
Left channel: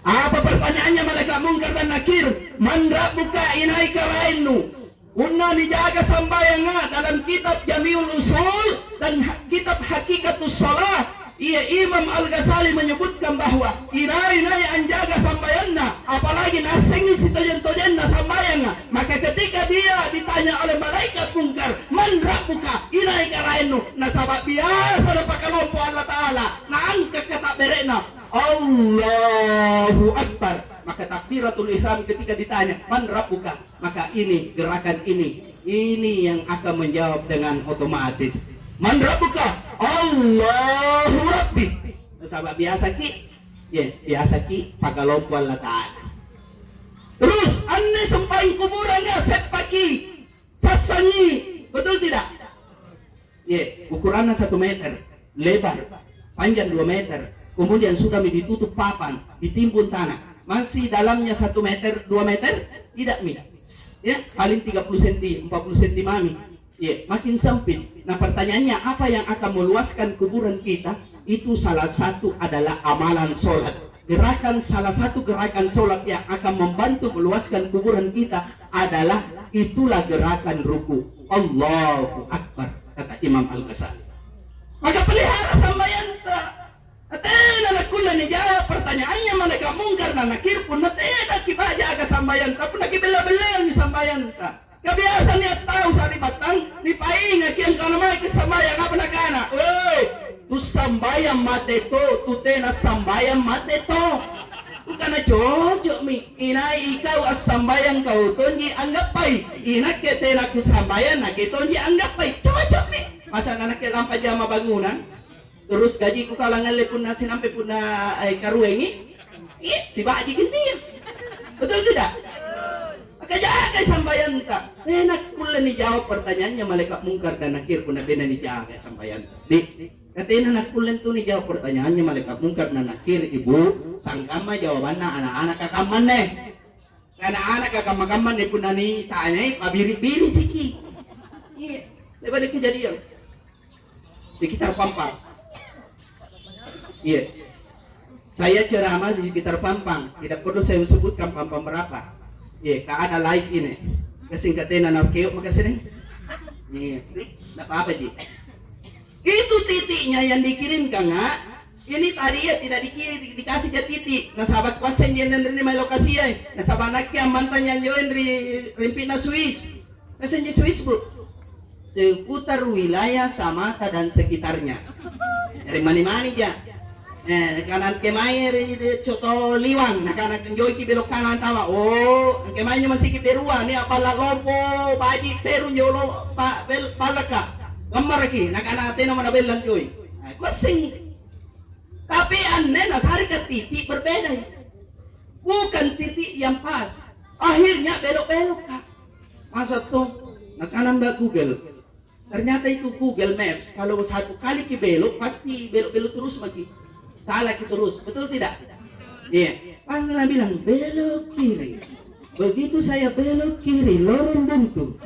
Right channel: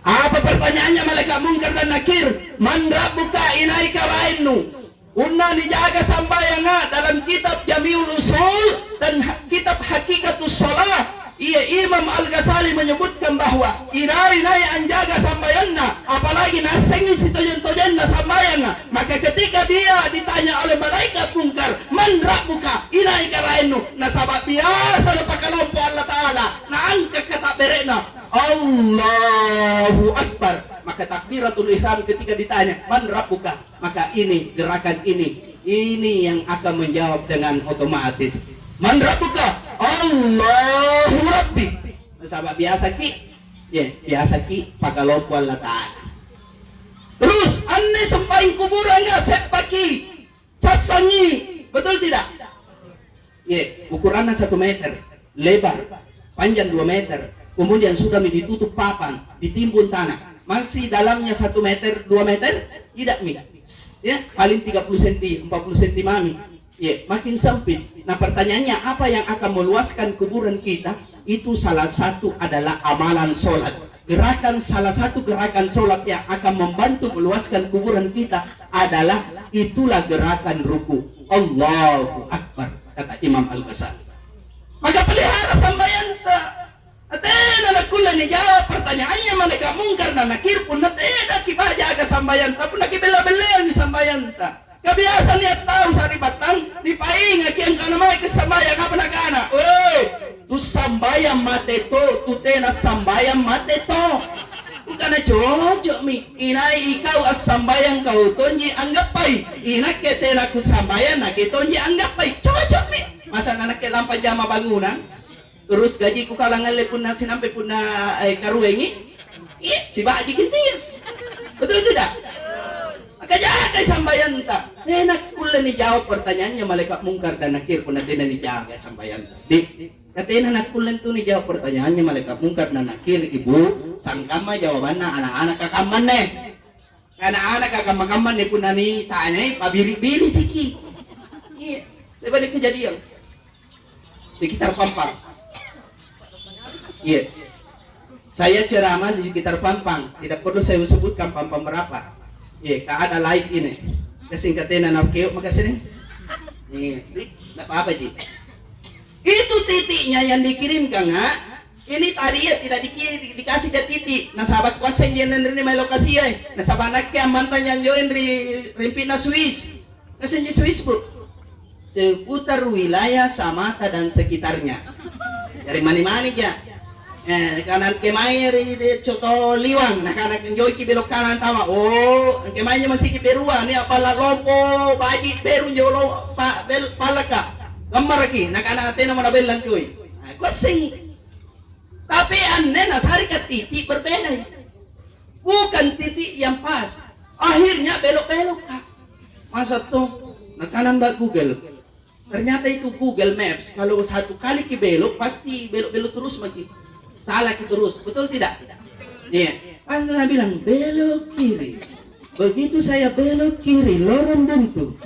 Apa pertanyaannya malaikat mungkar dan nakir? Man rabbuka inai karainu. Unna dijaga sambayanga dalam kitab Jamiul Usul dan kitab Hakikatus Shalah. Imam Al-Ghazali menyebutkan bahwa inai anjaga sambayanna, apalagi nasengi si tojen-tojenna sambayanga. Maka ketika dia ditanya oleh malaikat mungkar, man rabbuka inai karainu, nasabak biasa na pakalompo Allah Ta'ala, naangkat kata berena Allahu Akbar. Maka takbiratul ihram ketika ditanya man rabbuka, maka ini gerakan ini yang akan menjawab dengan otomatis man rabbuka Allahu Rabbi. Sahabat biasa biasa ki pakalompo Allah Ta'ala. Terus anne sampain kuburannya sepaki sasangi. Betul tidak? Ukurannya 1 meter, lebar, panjang 2 meter. Kemudian sudah ditutup papan, ditimbun tanah. Masih dalamnya 1 meter, 2 meter? Tidak, paling 30 cm, 40 cm mami. Ya, makin sempit. Nah, pertanyaannya apa yang akan meluaskan kuburan kita? Itu salah satu adalah amalan sholat. Salah satu gerakan sholat yang akan membantu meluaskan kuburan kita adalah itulah gerakan ruku. Allahu Akbar, kata Imam Al-Ghazali. Maka pelihara sambayan tak. Atena nakulah ni jawab pertanyaannya malaikat mungkar dan nakir pun natena kibaja aga sambayan tak pun nakibela-bela ni sambayan tak. Kebiasaan lihat tahu sari batang di painga kian kana mai ke sambayang apa nakana. Oi, tu sambayang mate to, tu tena sambayang mate to. Bukan cocok mi. Inai ikau as sambayang kau tonji anggap pai. Inak ke tena ku sambayang nak tonji anggap pai. Cocok mi. Masa anak ke lampa jama bangunan. Terus gaji ku kalangan le pun sinampe pun karuengi. Si baji kintian. Betul tidak? Maka jaga sambayan tak. Enak pula ni jawab pertanyaannya malaikat mungkar dan nakir pun nanti dijaga sambayan. Katanya anak pula tu ni jawab pertanyaannya malaikat mungkar dan nakir ibu sangkama jawabannya anak-anak kakaman nih. Anak-anak kakaman ni pun nani tanya pabiri-biri siki. Iya, daripada kejadian sekitar Pampang. Iya, saya ceramah di sekitar Pampang. Tidak perlu saya sebutkan Pampang berapa. Iya, ada live ini. Kesingkatan anak keok makasih nih. Tidak apa-apa Ji. Itu titiknya yang dikirimkan nggak? Ini tadi ya tidak dikasih ke titik. Nah sahabat kuasa yang menerima lokasi ya. Nah sahabat anaknya mantan yang join di Rimpina Swiss. Kasih Swiss bu. Seputar wilayah Samata dan sekitarnya. Dari mana-mana aja. Kanan kemair di Coto Liwang, nah kanan joy ki belok kanan tama. Oh, kemairnya masih ki berua ni apa lopo baji peru jolo pa bel palaka. Gambar lagi, nah kanan atena mana belan joy. Nah, kosing. Tapi aneh nasari ke titik berbeda. Bukan titik yang pas. Akhirnya belok-belok kak. Masa tuh, nah kanan mbak Google. Ternyata itu Google Maps. Kalau satu kali ki belok pasti belok-belok terus lagi. Salah kita terus, betul tidak? Iya. Pas saya bilang belok kiri. Begitu saya belok kiri, lorong buntu.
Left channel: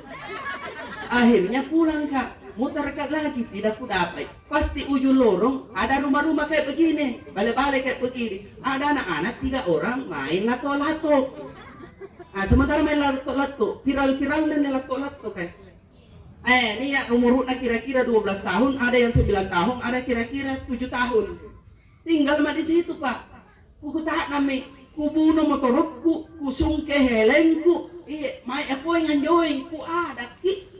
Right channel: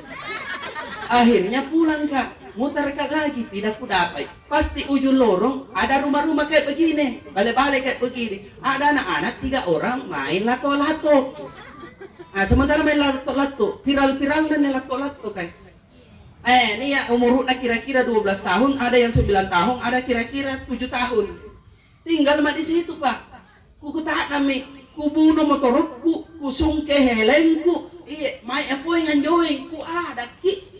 Akhirnya pulang kak, muter kak lagi, tidak ku dapat. Pasti ujung lorong ada rumah-rumah kayak begini, balik-balik kayak begini. Ada anak-anak 3 orang main lato-lato. Nah, sementara main lato-lato, viral-viral dan lato-lato kayak. Ini ya umurnya kira-kira 12 tahun, ada yang 9 tahun, ada kira-kira 7 tahun. Tinggal mah di situ pak. Kuku tak nami, kubuno motorku, kusung ke helengku. Iya, mai aku yang join, ku ada ki.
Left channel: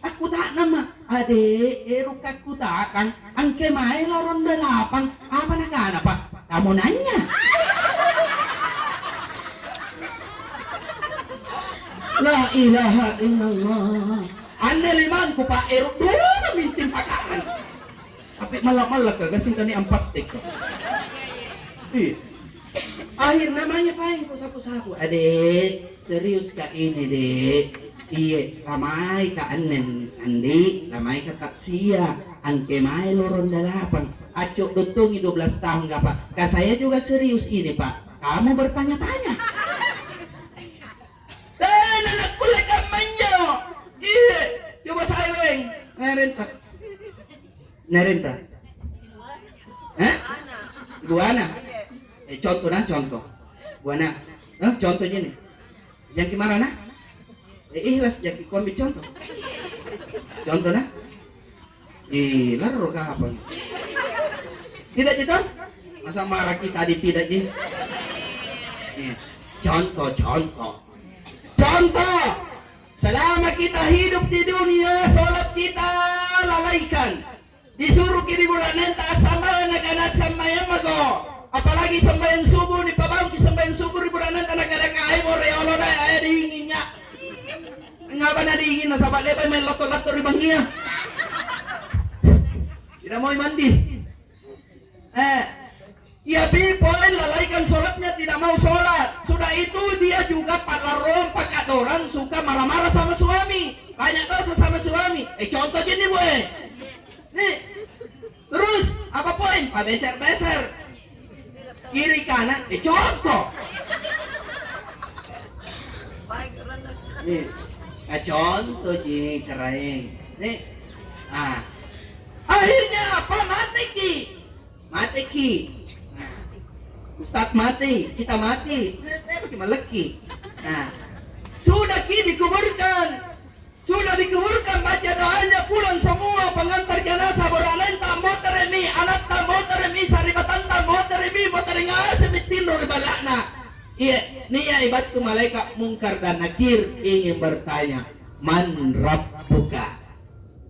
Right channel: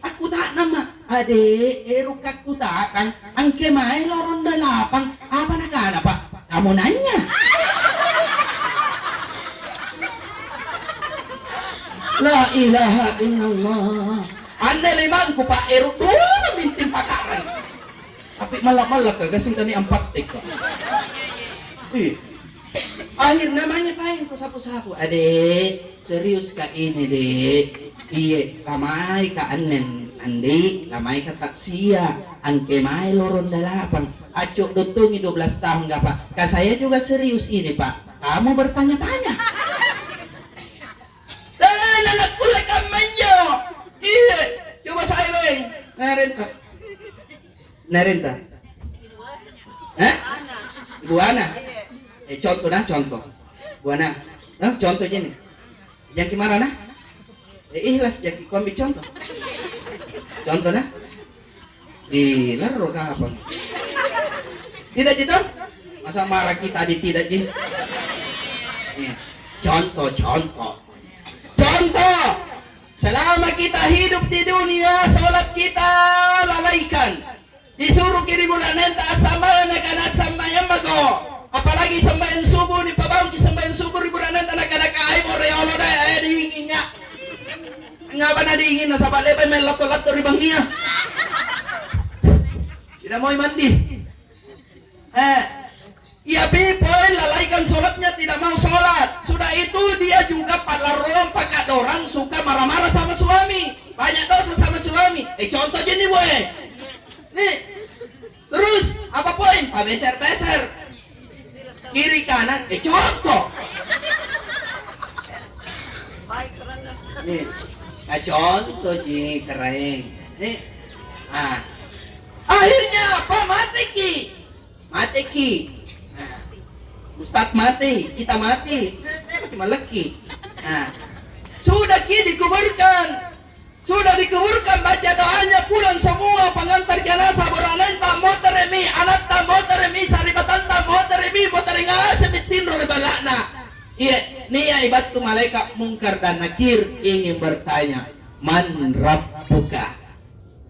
Aku tak nama. Ade, erukaku tak kan. Angke mai loron 8. Apa nak ada pak? Kamu nanya. La ilaha illallah. Anda limangku pak eruk dulu mintim pakaran. Tapi malah kasih tani 4 tek. Akhir namanya paling sapu-sapu. Adek, serius kak ini dek. Iya, lamai ka anen andi, lamai ka taksia, angke mai loron 8. Acok dotungi 12 tahun enggak pak? Kak saya juga serius ini pak. Kamu bertanya-tanya. Dan anak pula kamanyo. Iya, coba saya beng. Nerenta. Ibu Ana. Contoh. Bu Ana. Contohnya nih. Yang gimana nah? Ikhlas jadi ku ambil contoh. Contoh nah. Laro ka apa? Tidak gitu? Masa marah kita di tidak ji? Contoh. Selama kita hidup di dunia, sholat kita lalaikan. Disuruh kiri buranen tak sambayan anak sambayan mago. Apalagi sambayan subuh di pabang di sambayan subuh di buranen tak ada kai boreolo dah diinginnya. Ngapa na diingin na sabat lepai main lato-lato di bangkia. Tidak mau mandi. Ya people lalaikan sholatnya, tidak mau sholat. Sudah itu dia juga palaron pakadoran suka marah-marah sama suami. Banyak dosa sama suami. Contoh aja nih boy. Nih. Terus apa poin? Pak beser-beser. Kiri kanan. Contoh. Nih. Contoh ji keren. Eh. Akhirnya apa? Mati ki. Ustadz mati, kita mati. Bagaimana lagi? Sudah ki dikuburkan. Sudah dikuburkan, baca doanya, pulang semua pengantar jenazah beranan tamu teremi, anak tamu teremi, saribatan tamu teremi, boteringa sebitin oleh balakna. Iya, nih ibadku malaikat mungkar dan nakir ingin bertanya, man rabbuka?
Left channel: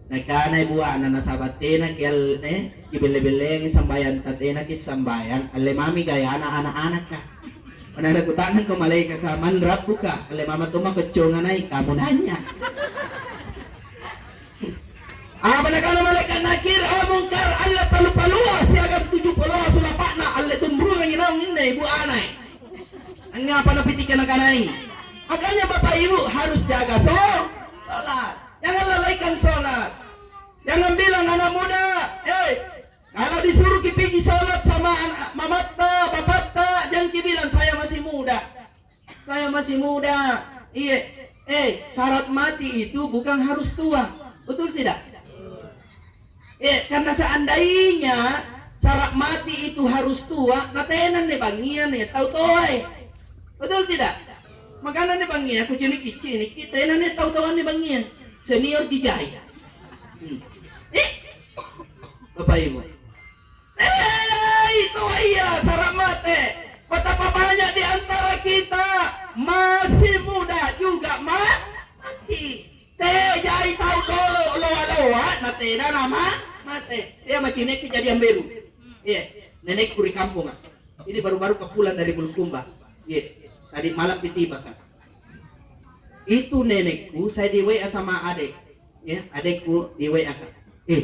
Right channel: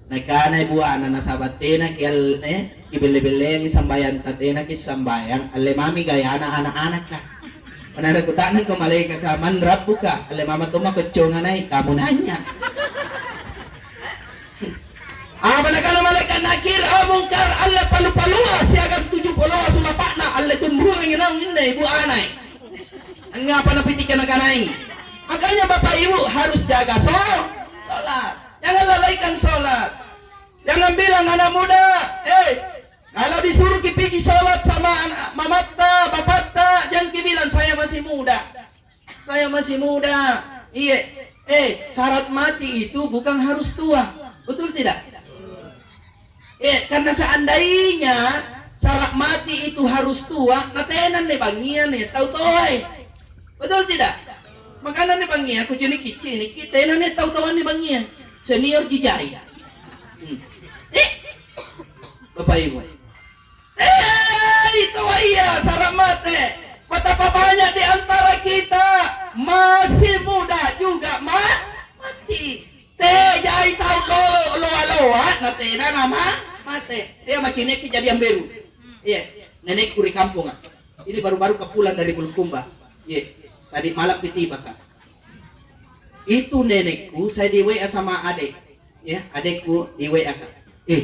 Nakana ibu anak nasabatina kial ibele-bele sambayan tatena kisambayan, ale mami gaya anak-anak lah. Mana aku tanya ke malaikat man rabbuka? Ale mama tuh mah kecongan ay kamu nanya. Apalagi malaikat nakir, mungkar, Allah palu-palua, siagan 70 sulapakna, Allah tumbrung ang inaw hindi, ibu anay. Ang nga panapitikan na kanay. Makanya bapak ibu harus jaga sholat. Jangan lalaikan sholat. Jangan bilang anak muda, kalau disuruh kipigi sholat sama mamata, bapakta, jangan kibilang saya masih muda. Saya masih muda. Iya, syarat mati itu bukan harus tua. Betul tidak? Karena seandainya syarat mati itu harus tua, natenan nih bangian nih, tahu-tahu betul tidak? Makanya nih bangian, aku jenis kita nih tahu-tahu nih bangian, senior dijaya. Bapak Ibu, itu iya syarat mati. Betapa banyak di antara kita masih muda juga mati. Jai tahu lo natenan nama. Mate, makinek kejadian baru. Nenek kuri kampung. Ini baru-baru kepulang dari Bulukumba. Tadi malam tiba kan. Itu nenekku, saya di WA sama adik. Adekku di WA kan.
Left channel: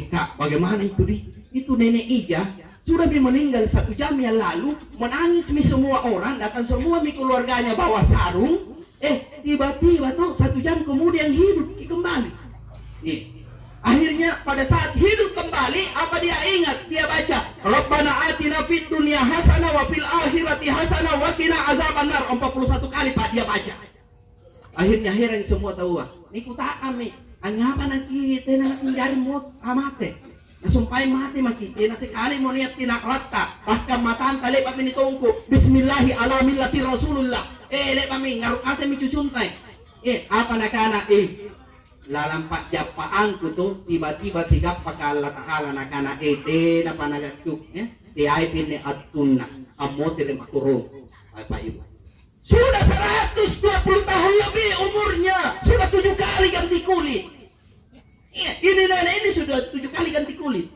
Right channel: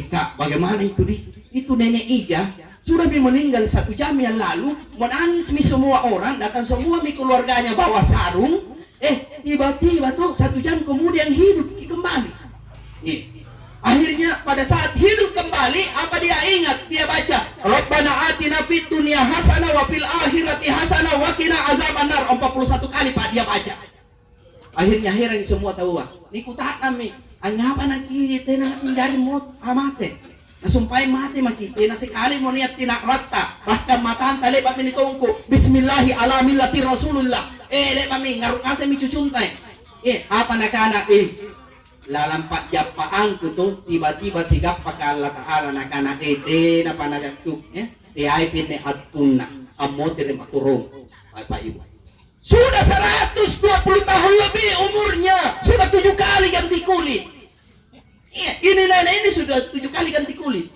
Kak, bagaimana itu di? Itu nenek Ija sudah meninggal 1 jam yang lalu, menangis semua orang, datang semua keluarganya bawa sarung. Tiba-tiba tuh 1 jam kemudian hidup kembali. Akhirnya pada saat hidup kembali, apa dia ingat? Dia baca, Rabbana atina fid dunya hasanah wa fil akhirati hasanah wa qina azabannar. 41 kali Pak dia baca. Akhirnya heran semua tahu. Ni kutak kami, angapa nanti tenang dari mut amate. Nasumpai mati makite na sekali mo niat tinak rata. Bahkan matahan tali pa minitongko. Bismillahi ala millati Rasulullah. Le mami ngaruk asa mi cucuntay. Apa nakana lalampat japaanku tuh tiba-tiba sigap pakai Allah Ta'ala nakana na panagakuk tiay pinne atuna amo terima turun Bapak Ibu sudah 120 tahun lebih umurnya, sudah 7 kali ganti kulit. Ini nenek ini sudah 7 kali ganti kulit.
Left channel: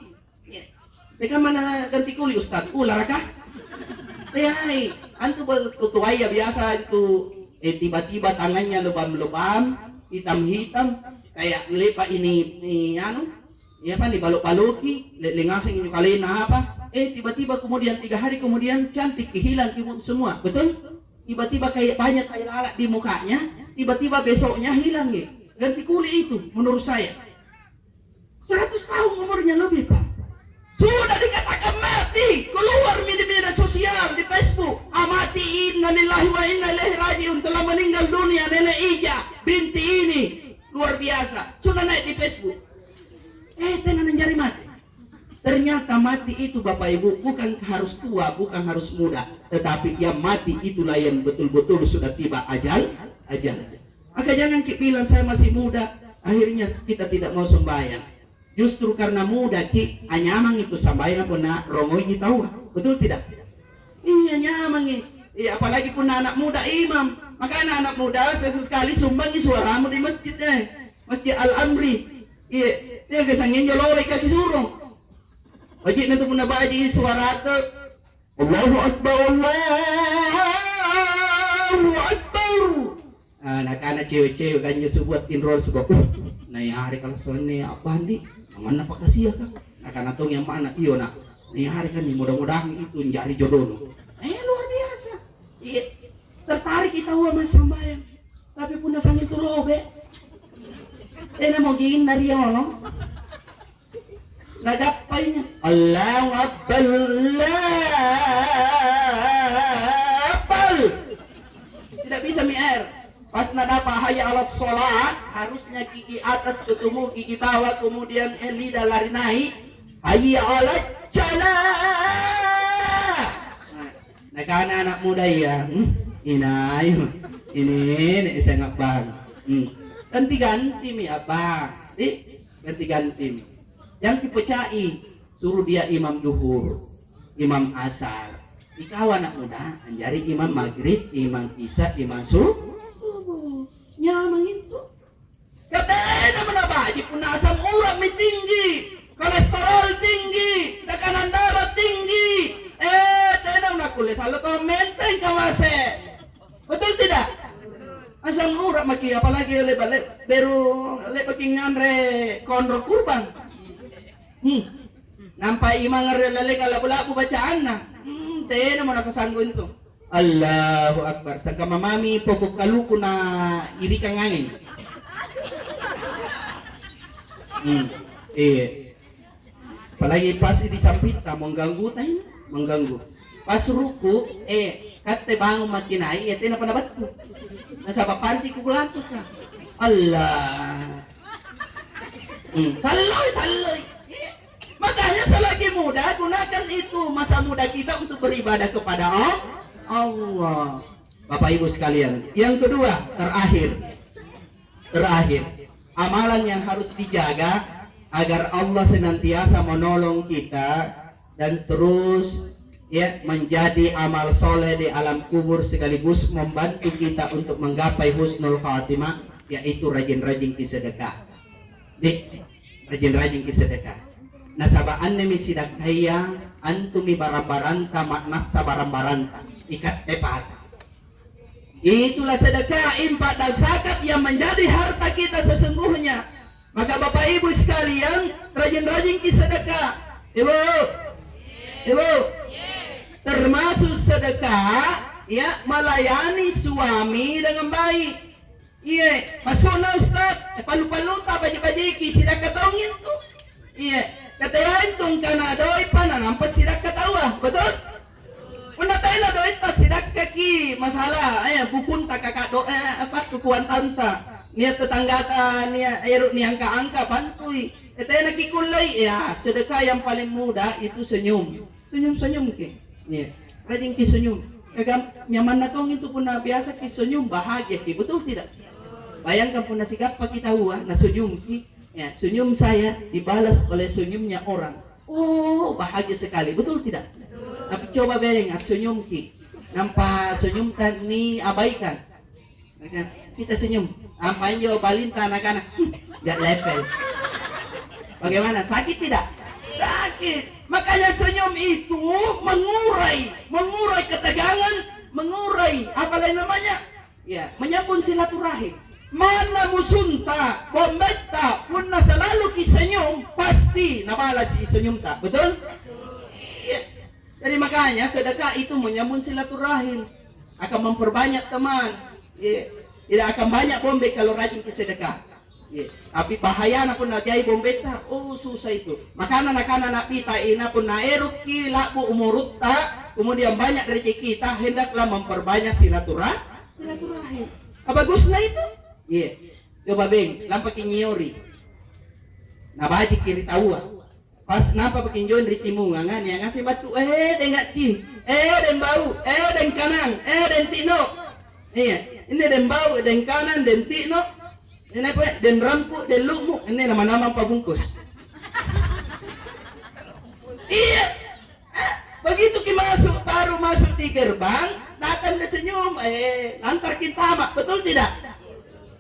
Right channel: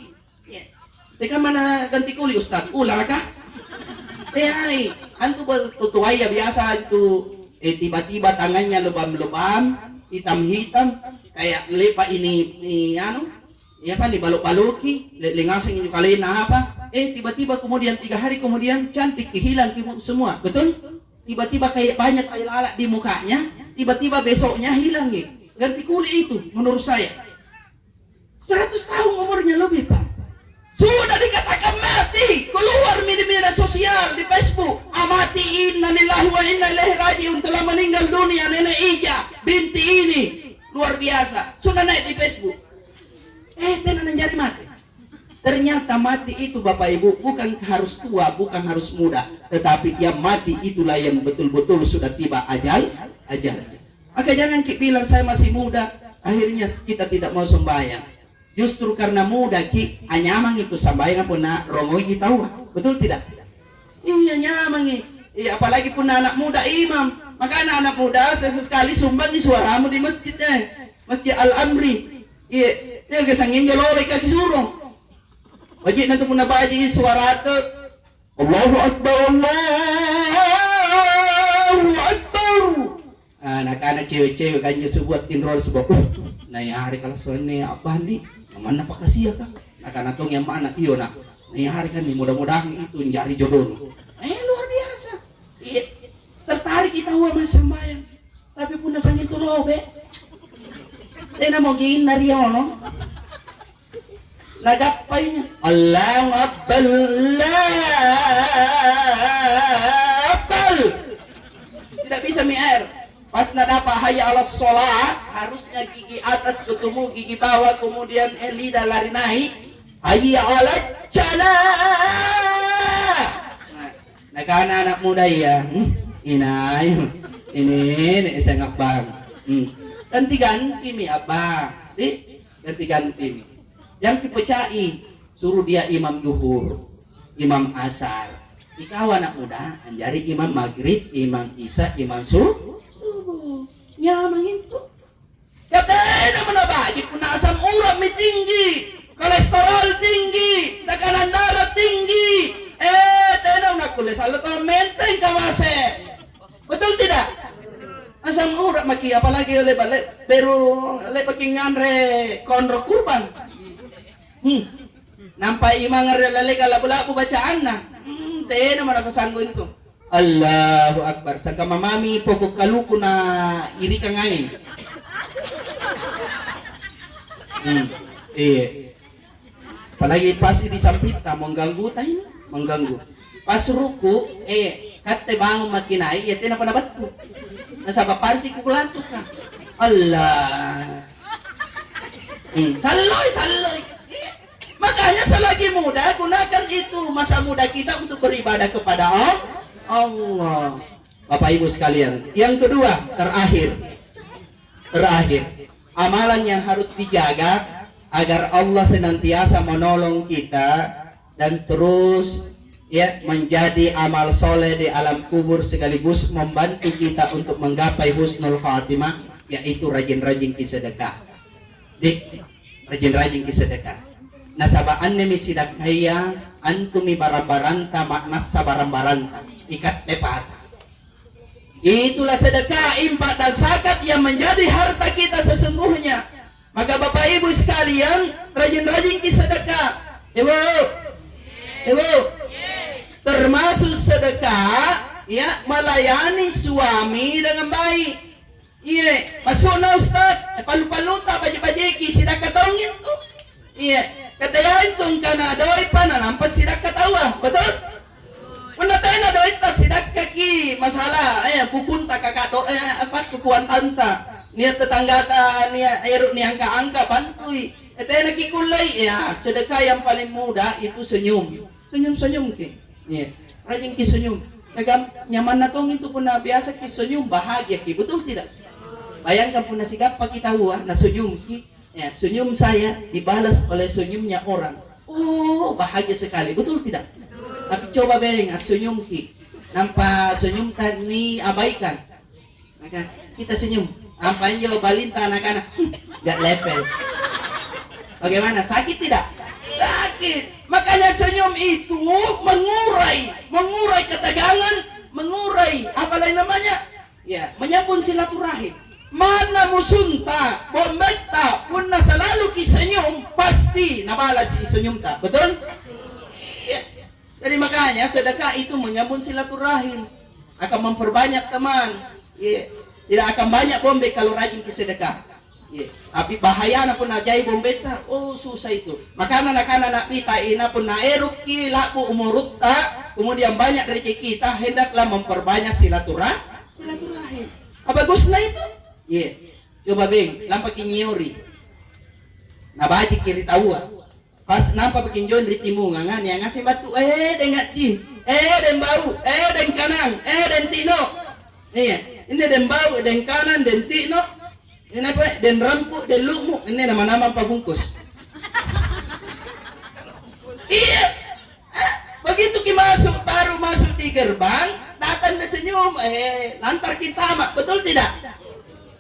Teka mana ganti kulit Ustaz? Ular kah? Antu tutuai ya biasa itu tiba-tiba tangannya lebam-lebam hitam-hitam kayak lepa ini dibaluk-baluki lengasing ini kali apa tiba-tiba kemudian 3 hari kemudian cantik hilang semua, betul? Tiba-tiba kayak banyak tai lalat di mukanya, tiba-tiba besoknya hilang ganti kulit itu menurut saya 100 tahun umurnya lebih Pak, sudah dikatakan mati, keluar di media sosial di Facebook, mati, innalillahi wa inna ilaihi rajiun, telah meninggal dunia nenek Ija binti ini. Luar biasa, sudah naik di Facebook. Tenan jari mati. Ternyata mati itu Bapak Ibu bukan harus tua, bukan harus muda, tetapi yang mati itulah yang betul-betul sudah tiba ajal. Maka jangan bilang saya masih muda, akhirnya kita tidak mau sembahyang. Justru karena muda anyamang itu sembahyang pun nak rongoji tahu, betul tidak? Iya nyamang apalagi pun anak muda imam. Maka anak-anak muda sesekali sumbangi suaramu di masjidnya, Masjid Al-Amri. Dia kesangin jolore kaki surung. Wajib nanti pun nabaji suara itu. Allahu Akbar, Allahu Akbar. Anak-anak cewek-cewek kan sebuah tinrol sebuah. Nah ya hari kalau sone apa nih? Mana pak kasih ya kan? Anak-anak tuh yang mana iyo nak? Nah hari kan nih mudah-mudahan itu nyari jodoh. Luar biasa. Tertarik kita sama sembahyang, tapi pun nasang itu lobe. Tena mau giin dari ono. Nagapay Allahu Akbar, Tidak bisa mi-air. Pas nadapa hayya ala sholat, harusnya gigi atas ketemu gigi bawah, kemudian lidah lari naik. Hayya ala salat. Nah, karena anak muda ya, inay, ini saya ngabang. Ganti-ganti mi apa? Ganti-ganti mi. Yang dipecai, suruh dia imam zuhur, imam asar. Ikaw anak muda, anjari imam maghrib, imam isya, imam subuh. Nyamang itu. Katanya apa? Pun asam urat mi tinggi, kolesterol tinggi, tekanan darah tinggi. Tenang nak kulit selalu kau menteng kamase. Betul tidak? Asam urat maki apalagi oleh balik beru oleh pakingan re konro kurban. Nampai imang re kalau belaku bacaan na. Tenang mana kesanggup itu. Allahu Akbar. Sangka mamami pokok kaluku na iri kang angin. Apalagi pas di sampita mengganggu tayo, mengganggu. Pas ruku kate bangun makinai ya tena pada batu. Nasaba pansi ku lantuk ka. Allah. Saloy. Makanya selagi muda gunakan itu masa muda kita untuk beribadah kepada Allah. Bapak Ibu sekalian, yang kedua, terakhir, amalan yang harus dijaga agar Allah senantiasa menolong kita dan terus menjadi amal soleh di alam kubur sekaligus membantu kita untuk menggapai husnul khatimah, yaitu rajin-rajin kisedekah. Rajin-rajin kisedekah. Nasabaan nemi sidakaya antumi barabaranta maknas sabarambaranta ikat tepat. Itulah sedekah, infak dan zakat yang menjadi harta kita sesungguhnya. Maka Bapak Ibu sekalian, rajin-rajin sedekah. Ibu, termasuk sedekah melayani suami dengan baik. Masuk na Ustaz, palu-paluta baju-baju sedekah tongin tuh. Katayan tong kana doy pa na nampas sidak katawa, betul? Una tayo na doy ta sidak kaki masalah, pupunta kakado kukuan tanta. Niya tetangga ta niya ayro niyang kaangka bantuy. Tayo nakikulay sedekah yang paling mudah itu senyum. Senyum ki. Rajin ki senyum. Kagam nyaman na tong itu pun na biasa ki senyum bahagia ki, betul tidak? Bayangkan pun na sikap pa kita huwa na senyum ki. Senyum saya dibalas oleh senyumnya orang. Oh, bahagia sekali. Betul tidak? Betul. Tapi coba bayang senyum nampak senyum tadi abaikan. Maka kita senyum. Apa yang balin anak-anak gak level. Bagaimana? Sakit tidak? Sakit. Makanya senyum itu mengurai ketegangan, mengurai apa lain namanya? Menyambung silaturahim. Mana musunta, bombeta, pun selalu kisenyum, pasti nabalas si senyum ta, betul? Jadi makanya sedekah itu menyambung silaturahim, akan memperbanyak teman. Tidak akan banyak bombe kalau rajin sedekah. Tapi bahaya na pun najai bombeta, susah itu. Maka anak-anak pita ina pun naeruk kilaku umurutta, kemudian banyak rezeki kita, hendaklah memperbanyak silaturahim. Apa bagusnya itu? Coba beng, lampak nyori. Nabaji kiri tahu. Pas nampak pakin join di timungan yang ngasih batu, dengat ci, den bau, den kanan, den tino. Ini den bau, den kanan, den tino. Ini apa? Den rampu, den lumu. Ini nama-nama pabungkus. Begitu kita baru masuk di gerbang, datang ke senyum, lantar kita mak, betul tidak?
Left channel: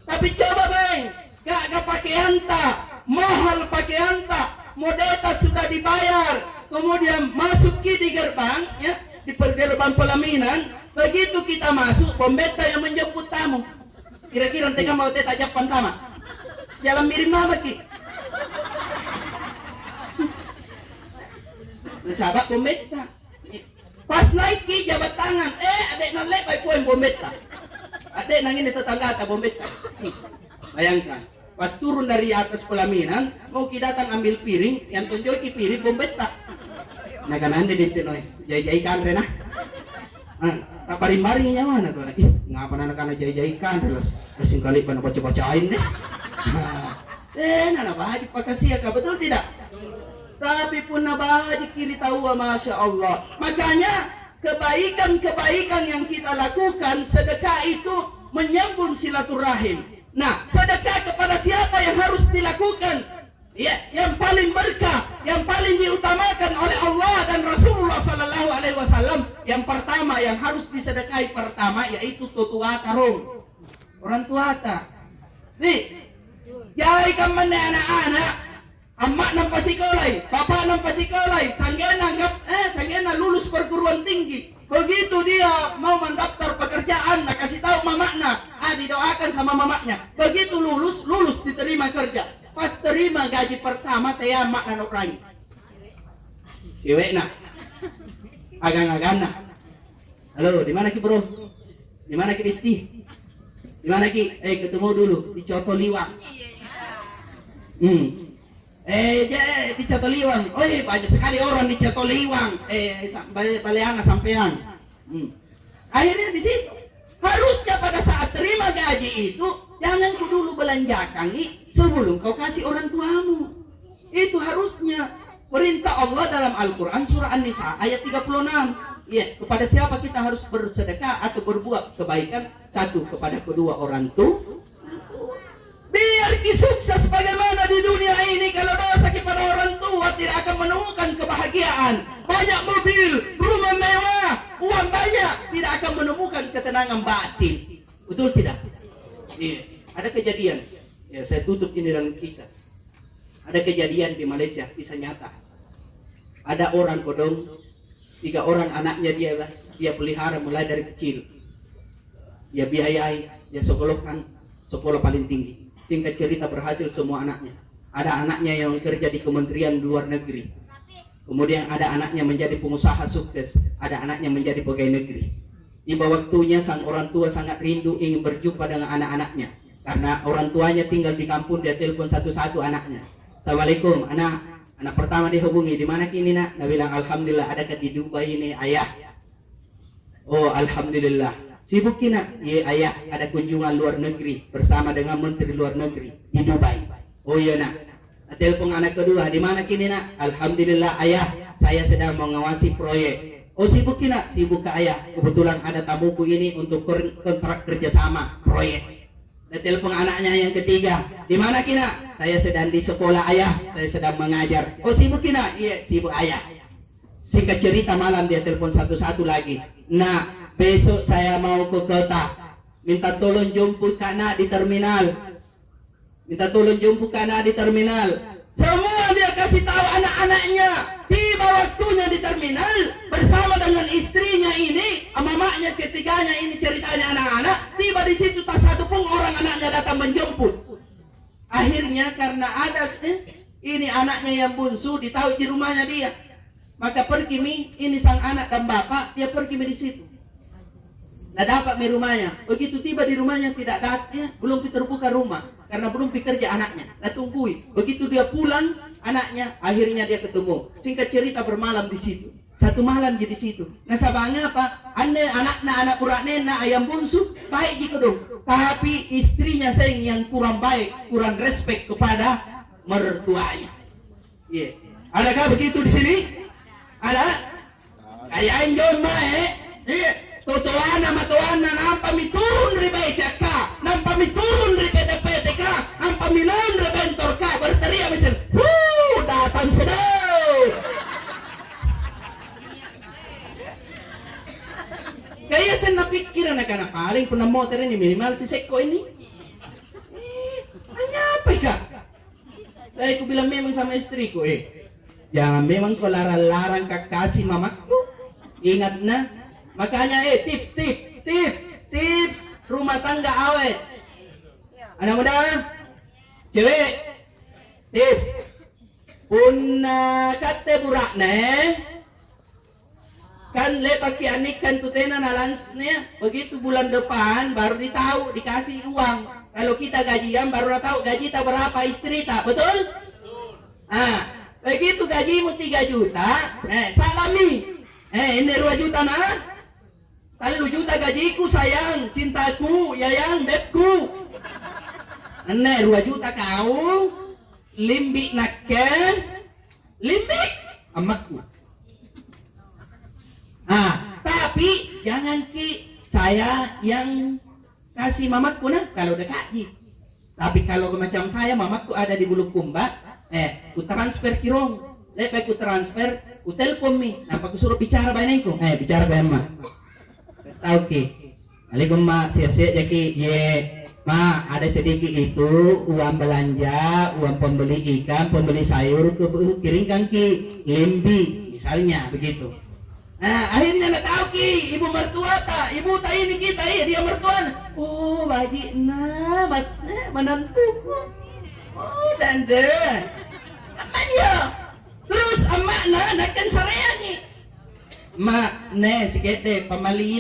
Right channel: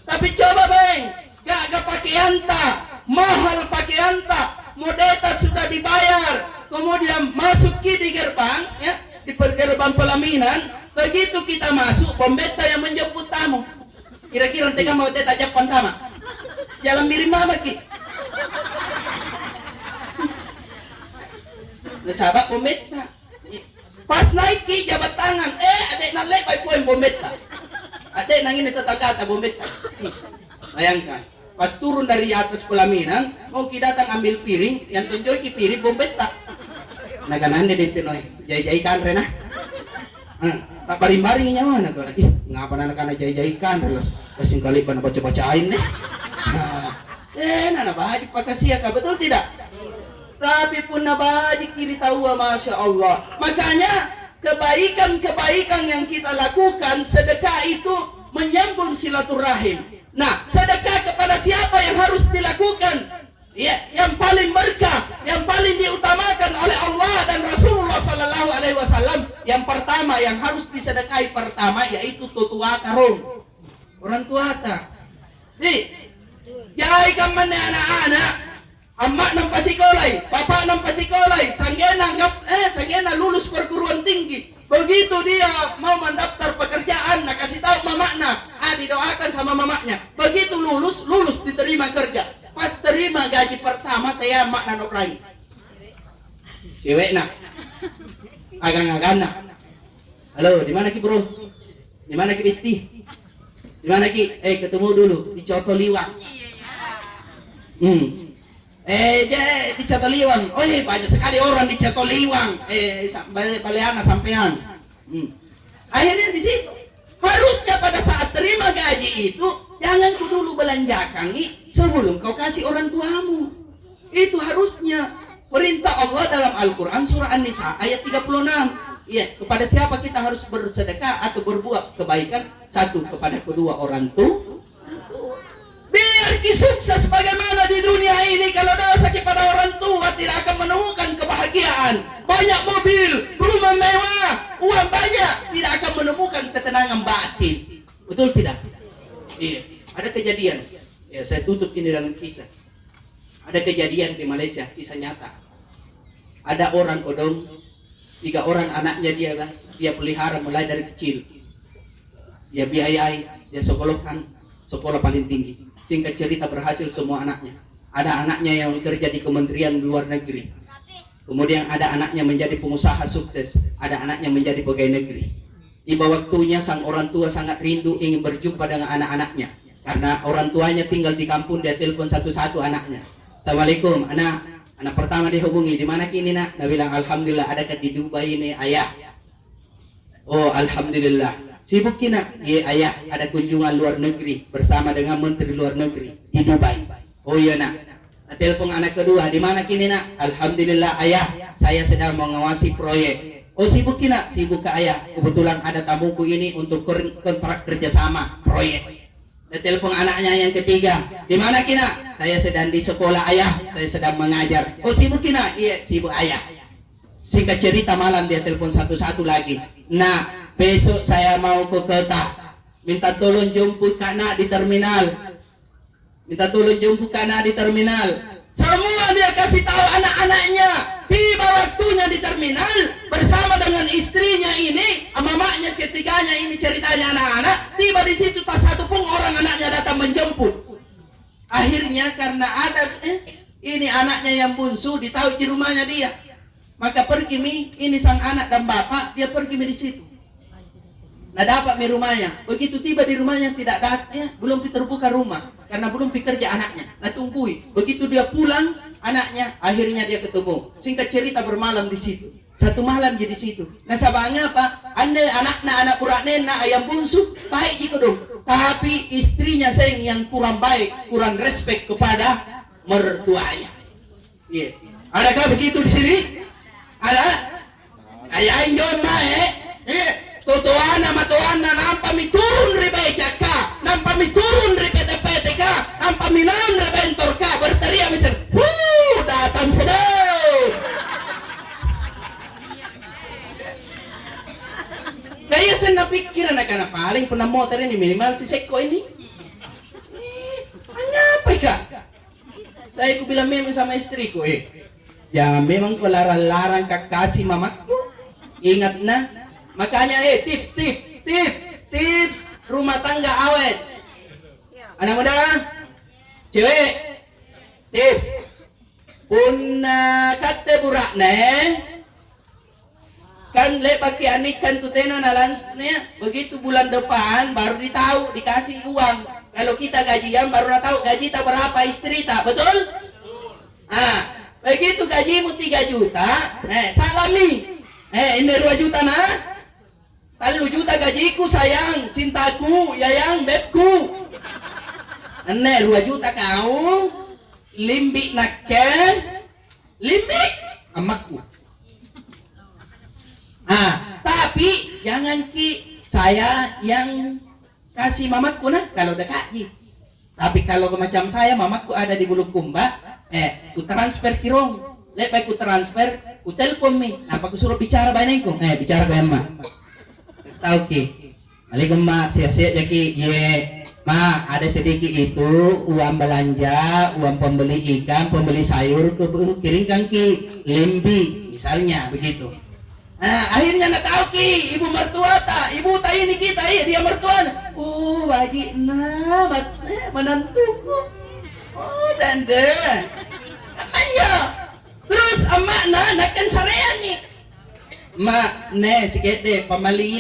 Tapi coba bang, gak pakaian tak, mahal pakaian tak, modeta sudah dibayar, kemudian masuk di gerbang, di gerbang pelaminan, begitu kita masuk, pembeta yang menjemput tamu, kira-kira tengah mau teta japan sama, jalan mirim mama ki, sahabat pembeta, pas naik ki jabat tangan, adek nalek baik poin pembeta. Ada nangin tetangga tak bombet. Bayangkan, pas turun dari atas pelaminan, mau kita datang ambil piring, yang tunjuk piring bombet tak. Nah kanan dia ditinoy, jai-jai kan rena. Tak baring-baring nyawa na ko. Ngapa na kana jay-jaykan terus kasing kali pa baca-bacain deh. Nana bahaji pakasia ka, betul tidak? Tapi pun nabahaji kiri tahu, masya Allah. Makanya kebaikan-kebaikan yang kita lakukan, sedekah itu menyambung silaturahim. Nah, sedekah kepada siapa yang harus dilakukan? Ya, yang paling berkah, yang paling diutamakan oleh Allah dan Rasulullah Sallallahu Alaihi Wasallam. Yang pertama yang harus disedekahi pertama yaitu tutuata orang tuata. Jai kamane anak-anak, emak nampak sekolai, bapak nampak sekolai, sanggena lulus perguruan tinggi. Begitu dia mau mendaftar pekerjaan, nak kasih tahu mamaknya, didoakan sama mamaknya. Begitu lulus diterima kerja. Pas terima gaji pertama teh mak nanok lagi. Cewek nak. Agang-agang nak. Halo, di mana ki bro? Di mana ki Bisti? Di mana ki? Ketemu dulu di Coto Liwang. Di Coto Liwang. Banyak sekali orang di Coto Liwang. Baleana sampean. Akhirnya di situ. Harusnya pada saat terima gaji itu jangan ku dulu belanjakan sebelum kau kasih orang tuamu. Itu harusnya perintah Allah dalam Al-Quran surah An-Nisa ayat 36. Ya, kepada siapa kita harus bersedekah atau berbuat kebaikan? Satu, kepada kedua orang tua. Biar sukses bagaimana di dunia ini, kalau dosa kepada orang tua tidak akan menemukan kebahagiaan. Banyak mobil, rumah mewah, uang banyak, tidak akan menemukan ketenangan batin. Betul tidak? Iya. Ada kejadian. Ya, saya tutup ini dalam kisah. Ada kejadian di Malaysia, kisah nyata. Ada orang kodong, 3 orang anaknya dia pelihara mulai dari kecil. Dia biayai, dia sekolahkan sekolah paling tinggi. Singkat cerita berhasil semua anaknya. Ada anaknya yang kerja di Kementerian Luar Negeri. Kemudian ada anaknya menjadi pengusaha sukses. Ada anaknya menjadi pegawai negeri. Tiba waktunya sang orang tua sangat rindu ingin berjumpa dengan anak-anaknya. Karena orang tuanya tinggal di kampung, dia telepon satu-satu anaknya. Assalamualaikum, anak pertama dihubungi, di mana kini nak? Dia bilang, alhamdulillah, adakah di Dubai ini ayah? Oh, alhamdulillah. Sibuk kina? Iya ayah, ada kunjungan luar negeri bersama dengan menteri luar negeri di Dubai. Oh iya nak. Telepon anak kedua, di mana kini nak? Alhamdulillah ayah, saya sedang mengawasi proyek. Oh sibuk kina? Sibuk ke ayah. Kebetulan ada tamuku ini untuk kontrak kerjasama proyek. Telepon anaknya yang ketiga, di mana kina? Saya sedang di sekolah ayah, saya sedang mengajar. Oh sibuk kina? Iya sibuk ayah. Singkat cerita malam dia telepon satu-satu lagi. Nah, besok saya mau ke kota, minta tolong jemput Kana di terminal. Semua dia kasih tahu anak-anaknya. Tiba waktunya di terminal bersama dengan istrinya ini, mamaknya ketiganya ini ceritanya anak-anak. Tiba di situ tak satu pun orang anaknya datang menjemput. Akhirnya karena ada ini anaknya yang bungsu ditahu di rumahnya dia, maka pergi ini sang anak dan bapak dia pergi di situ. Nah dapat di rumahnya. Begitu tiba di rumahnya tidak datang, belum terbuka rumah karena belum bekerja anaknya. Nah tunggui. Begitu dia pulang anaknya, akhirnya dia ketemu. Singkat cerita bermalam di situ. Satu malam di situ. Nah sabangnya apa? Anak uraknya ayam bungsu baik gitu dong. Tapi istrinya yang kurang baik, kurang respect kepada mertuanya. Iya. Adakah begitu di sini? Ada? Kayak anjon Tutuana matuana nampa mi turun ri becaka, nampa mi turun ri PT-PTK, nampa mi non ri bentor ka, berteriak misal, datang sedang. Kaya saya napikiran na kana paling pernah motor ini minimal si Seko ini. Apa ka? Saya ku bilang memang sama istriku jangan memang kau larang-larang kakasih mamaku. Ingat na. Makanya tips rumah tangga awet. Anak muda, cewek, tips. Pun kate burak kan pakai anik kan tutena nalansnya. Begitu bulan depan baru dikasih uang. Kalau kita gajian baru tahu gaji tak berapa istri tak, betul? Begitu gajimu 3 juta, salami. Ini 2 juta nah. 3 juta gajiku sayang, cintaku, yayang, bebku. Ane 2 juta kau, limbi nakken, limbi amakku. Tapi jangan saya yang kasih mamaku nah kalau udah kaji. Tapi kalau macam saya mamaku ada di Bulukumba, ku transfer kirong. Lepas ku transfer, ku telepon mi. Apa ku suruh bicara bainaku? Bicara ke emak. Tahu ki. Alaikum mak, siap-siap ya ki. Ma, ada sedikit itu uang belanja, uang pembeli ikan, pembeli sayur ke kirimkan ki limbi misalnya begitu. Akhirnya nak tahu ki ibu mertua tak, ibu tak ini kita dia mertua. Oh, baik nah, menantuku. Oh, dande. Namanya. Terus emak nakkan sarean ni. Mak, sikit deh pemali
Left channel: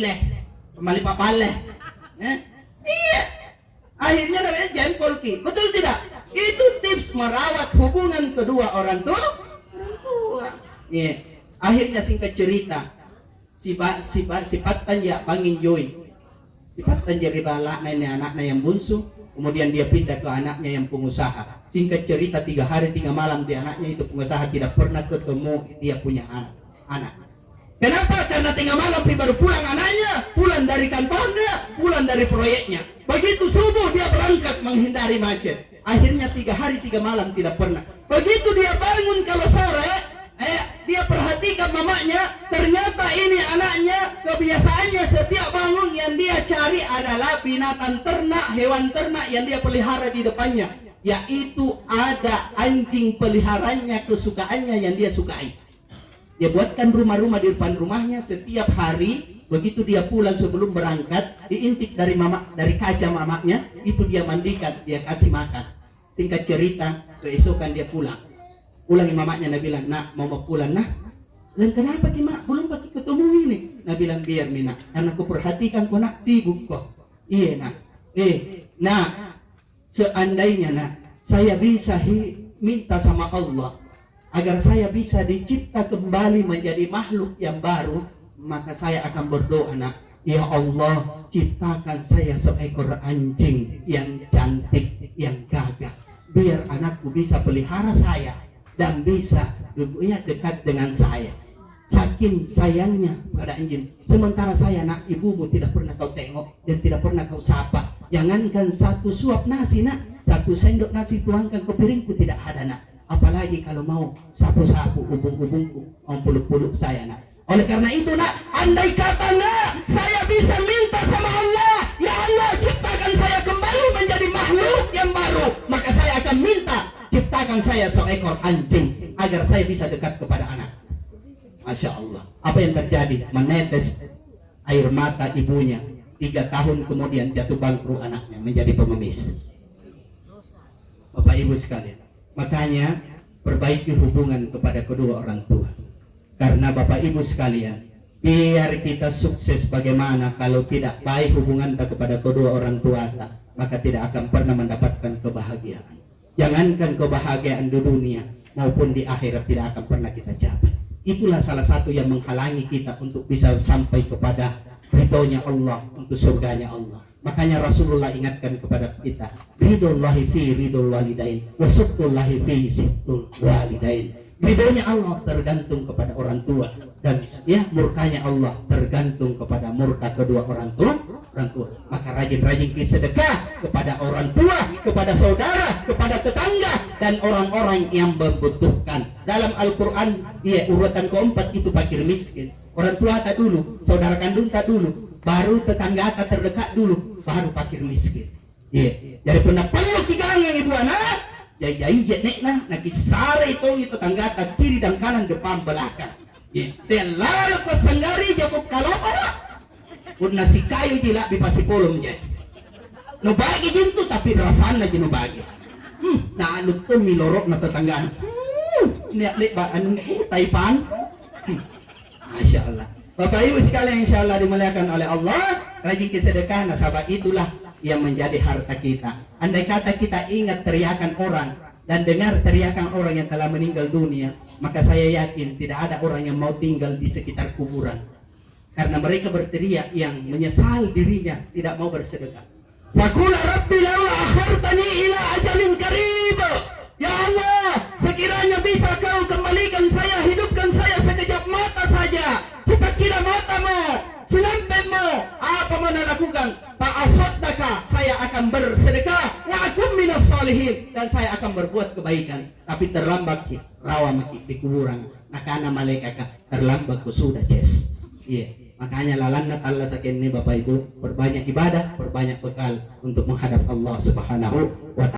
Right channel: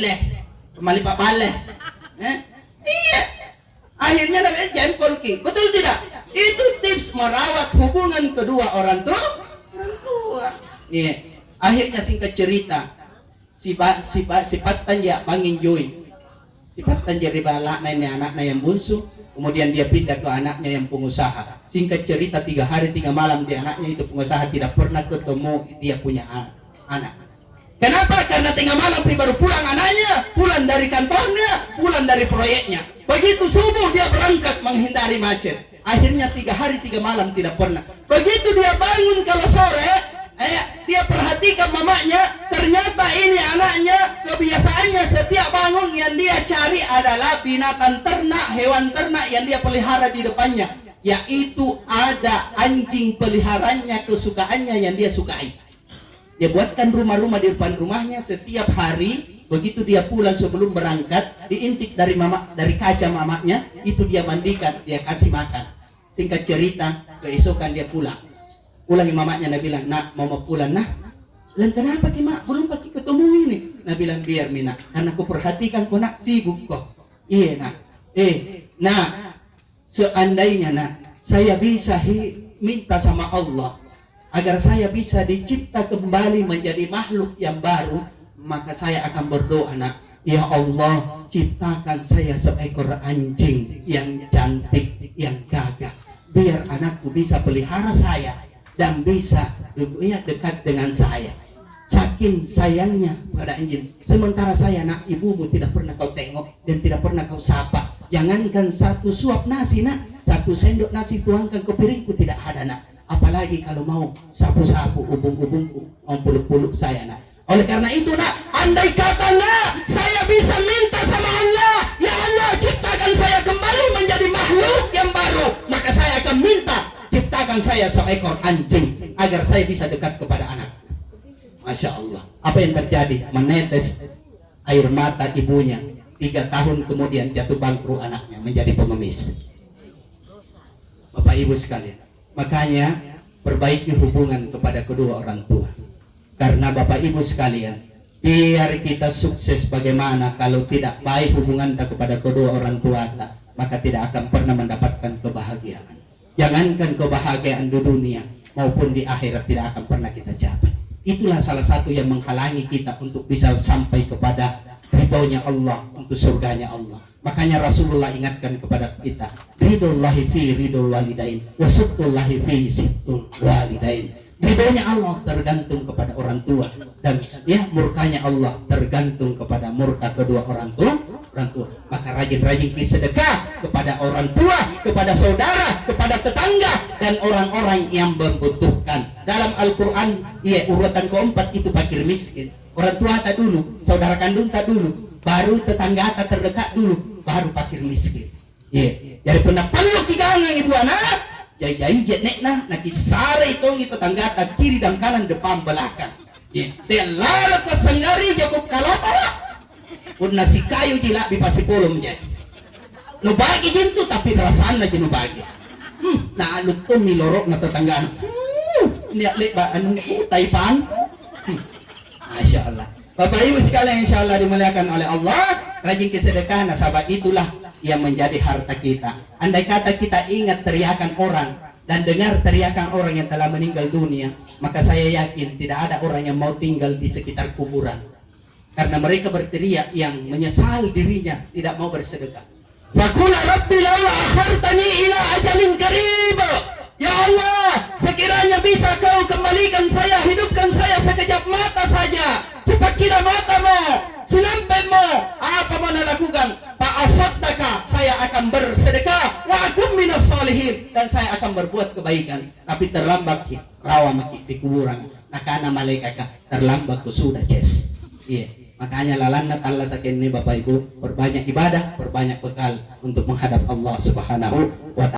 papaleh. Iya. Akhirnya namanya jempol ki. Betul tidak? Itu tips merawat hubungan kedua orang tua. Iya. Akhirnya singkat cerita, sifat tanja pangin joy. Sifat tanja riba anaknya yang bungsu, kemudian dia pindah ke anaknya yang pengusaha. Singkat cerita 3 hari 3 malam di anaknya itu pengusaha tidak pernah ketemu dia punya anak. Kenapa? Karena 3 malam baru pulang anaknya, pulang dari kantornya, pulang dari proyeknya. Begitu subuh dia berangkat menghindari macet. Akhirnya 3 hari 3 malam tidak pernah. Begitu dia bangun kalau sore, dia perhatikan mamanya, ternyata ini anaknya kebiasaannya setiap bangun yang dia cari adalah binatang ternak, hewan ternak yang dia pelihara di depannya. Yaitu ada anjing peliharaannya kesukaannya yang dia sukai. Dia buatkan rumah-rumah di depan rumahnya setiap hari. Begitu dia pulang sebelum berangkat, diintip dari kaca mamanya, itu dia mandikan, dia kasih makan. Singkat cerita, keesokan dia pulang. Pulang mamanya, dia bilang, nak mau pulang nak. Bilang kenapa ki mak, belum pagi ketemu ini. Nah bilang biar mina, karena aku perhatikan kau nak sibuk kok. Iya nak. Nah seandainya nak saya bisa minta sama Allah agar saya bisa dicipta kembali menjadi makhluk yang baru, maka saya akan berdoa nak, ya Allah ciptakan saya seekor anjing yang cantik, yang gagah, biar anakku bisa pelihara saya dan bisa dekat dengan saya. Saking sayangnya pada anjing. Sementara saya nak, ibumu tidak pernah kau tengok dan tidak pernah kau sapa. Jangankan 1 suap nasi nak, 1 sendok nasi tuangkan ke piringku tidak ada nak. Apalagi kalau mau sapu-sapu ubung-ubungku, mau peluk-peluk saya nak. Oleh karena itu nak, andai kata nak saya bisa minta sama Allah, ya Allah ciptakan saya kembali menjadi makhluk yang baru, maka saya akan minta ciptakan saya seekor anjing agar saya bisa dekat kepada anak. Masya Allah. Apa yang terjadi? Menetes air mata ibunya. 3 tahun kemudian jatuh bangkrut anaknya menjadi pengemis. Bapak Ibu sekalian, makanya perbaiki hubungan kepada kedua orang tua. Karena Bapak Ibu sekalian, biar kita sukses bagaimana kalau tidak baik hubungan kita kepada kedua orang tua kita, maka tidak akan pernah mendapatkan kebahagiaan. Jangankan kebahagiaan di dunia maupun di akhirat tidak akan pernah kita capai. Itulah salah satu yang menghalangi kita untuk bisa sampai kepada ridhonya Allah, untuk surganya Allah. Makanya Rasulullah ingatkan kepada kita, ridhollahi fi ridhol walidain wa suktullahi fi suktul walidain. Ridhonya Allah tergantung kepada orang tua, dan murkanya Allah tergantung kepada murka kedua orang tua. Maka rajin-rajin sedekah kepada orang tua, kepada saudara, kepada tetangga, dan orang-orang yang membutuhkan. Dalam Al-Quran, urutan keempat itu fakir miskin. Orang tua tak dulu, saudara kandung tak dulu, baru tetangga tak terdekat dulu, baru fakir miskin. Jadi pernah peluk di gangang ibu anak, jai nek nak sare itu tetangga tak kiri dan kanan, depan belakang. Lalu kesenggari cukup kalau pun nasi kayu jila di pasipulum jadi. No bagi jintu tapi rasanya je no bagi. Nah lu tuh milorok na tetanggaan. Lihat ba anu taipan. Masya Allah. Bapak Ibu sekalian insya Allah dimuliakan oleh Allah, rajin kesedekah. Nah sahabat itulah yang menjadi harta kita. Andai kata kita ingat teriakan orang dan dengar teriakan orang yang telah meninggal dunia, maka saya yakin tidak ada orang yang mau tinggal di sekitar kuburan. Karena mereka berteriak yang menyesal dirinya tidak mau bersedekah. Faqula rabbi laula akhartani ila ajalin qarib. Ya Allah, sekiranya bisa kau kembalikan saya, hidupkan saya sekejap mata saja, cepat kira matamu, selampaimu, apa mana lakukan? Fa'asaddaka, saya akan bersedekah, wa akum minas solihin, dan saya akan berbuat kebaikan. Tapi terlambat rawa maki di kuburan, nakana malaikat terlambat ku sudah ces. Iya, makanya lalana Allah sakin ini Bapak Ibu, perbanyak ibadah, perbanyak bekal untuk menghadap Allah Subhanahu wa ta'ala.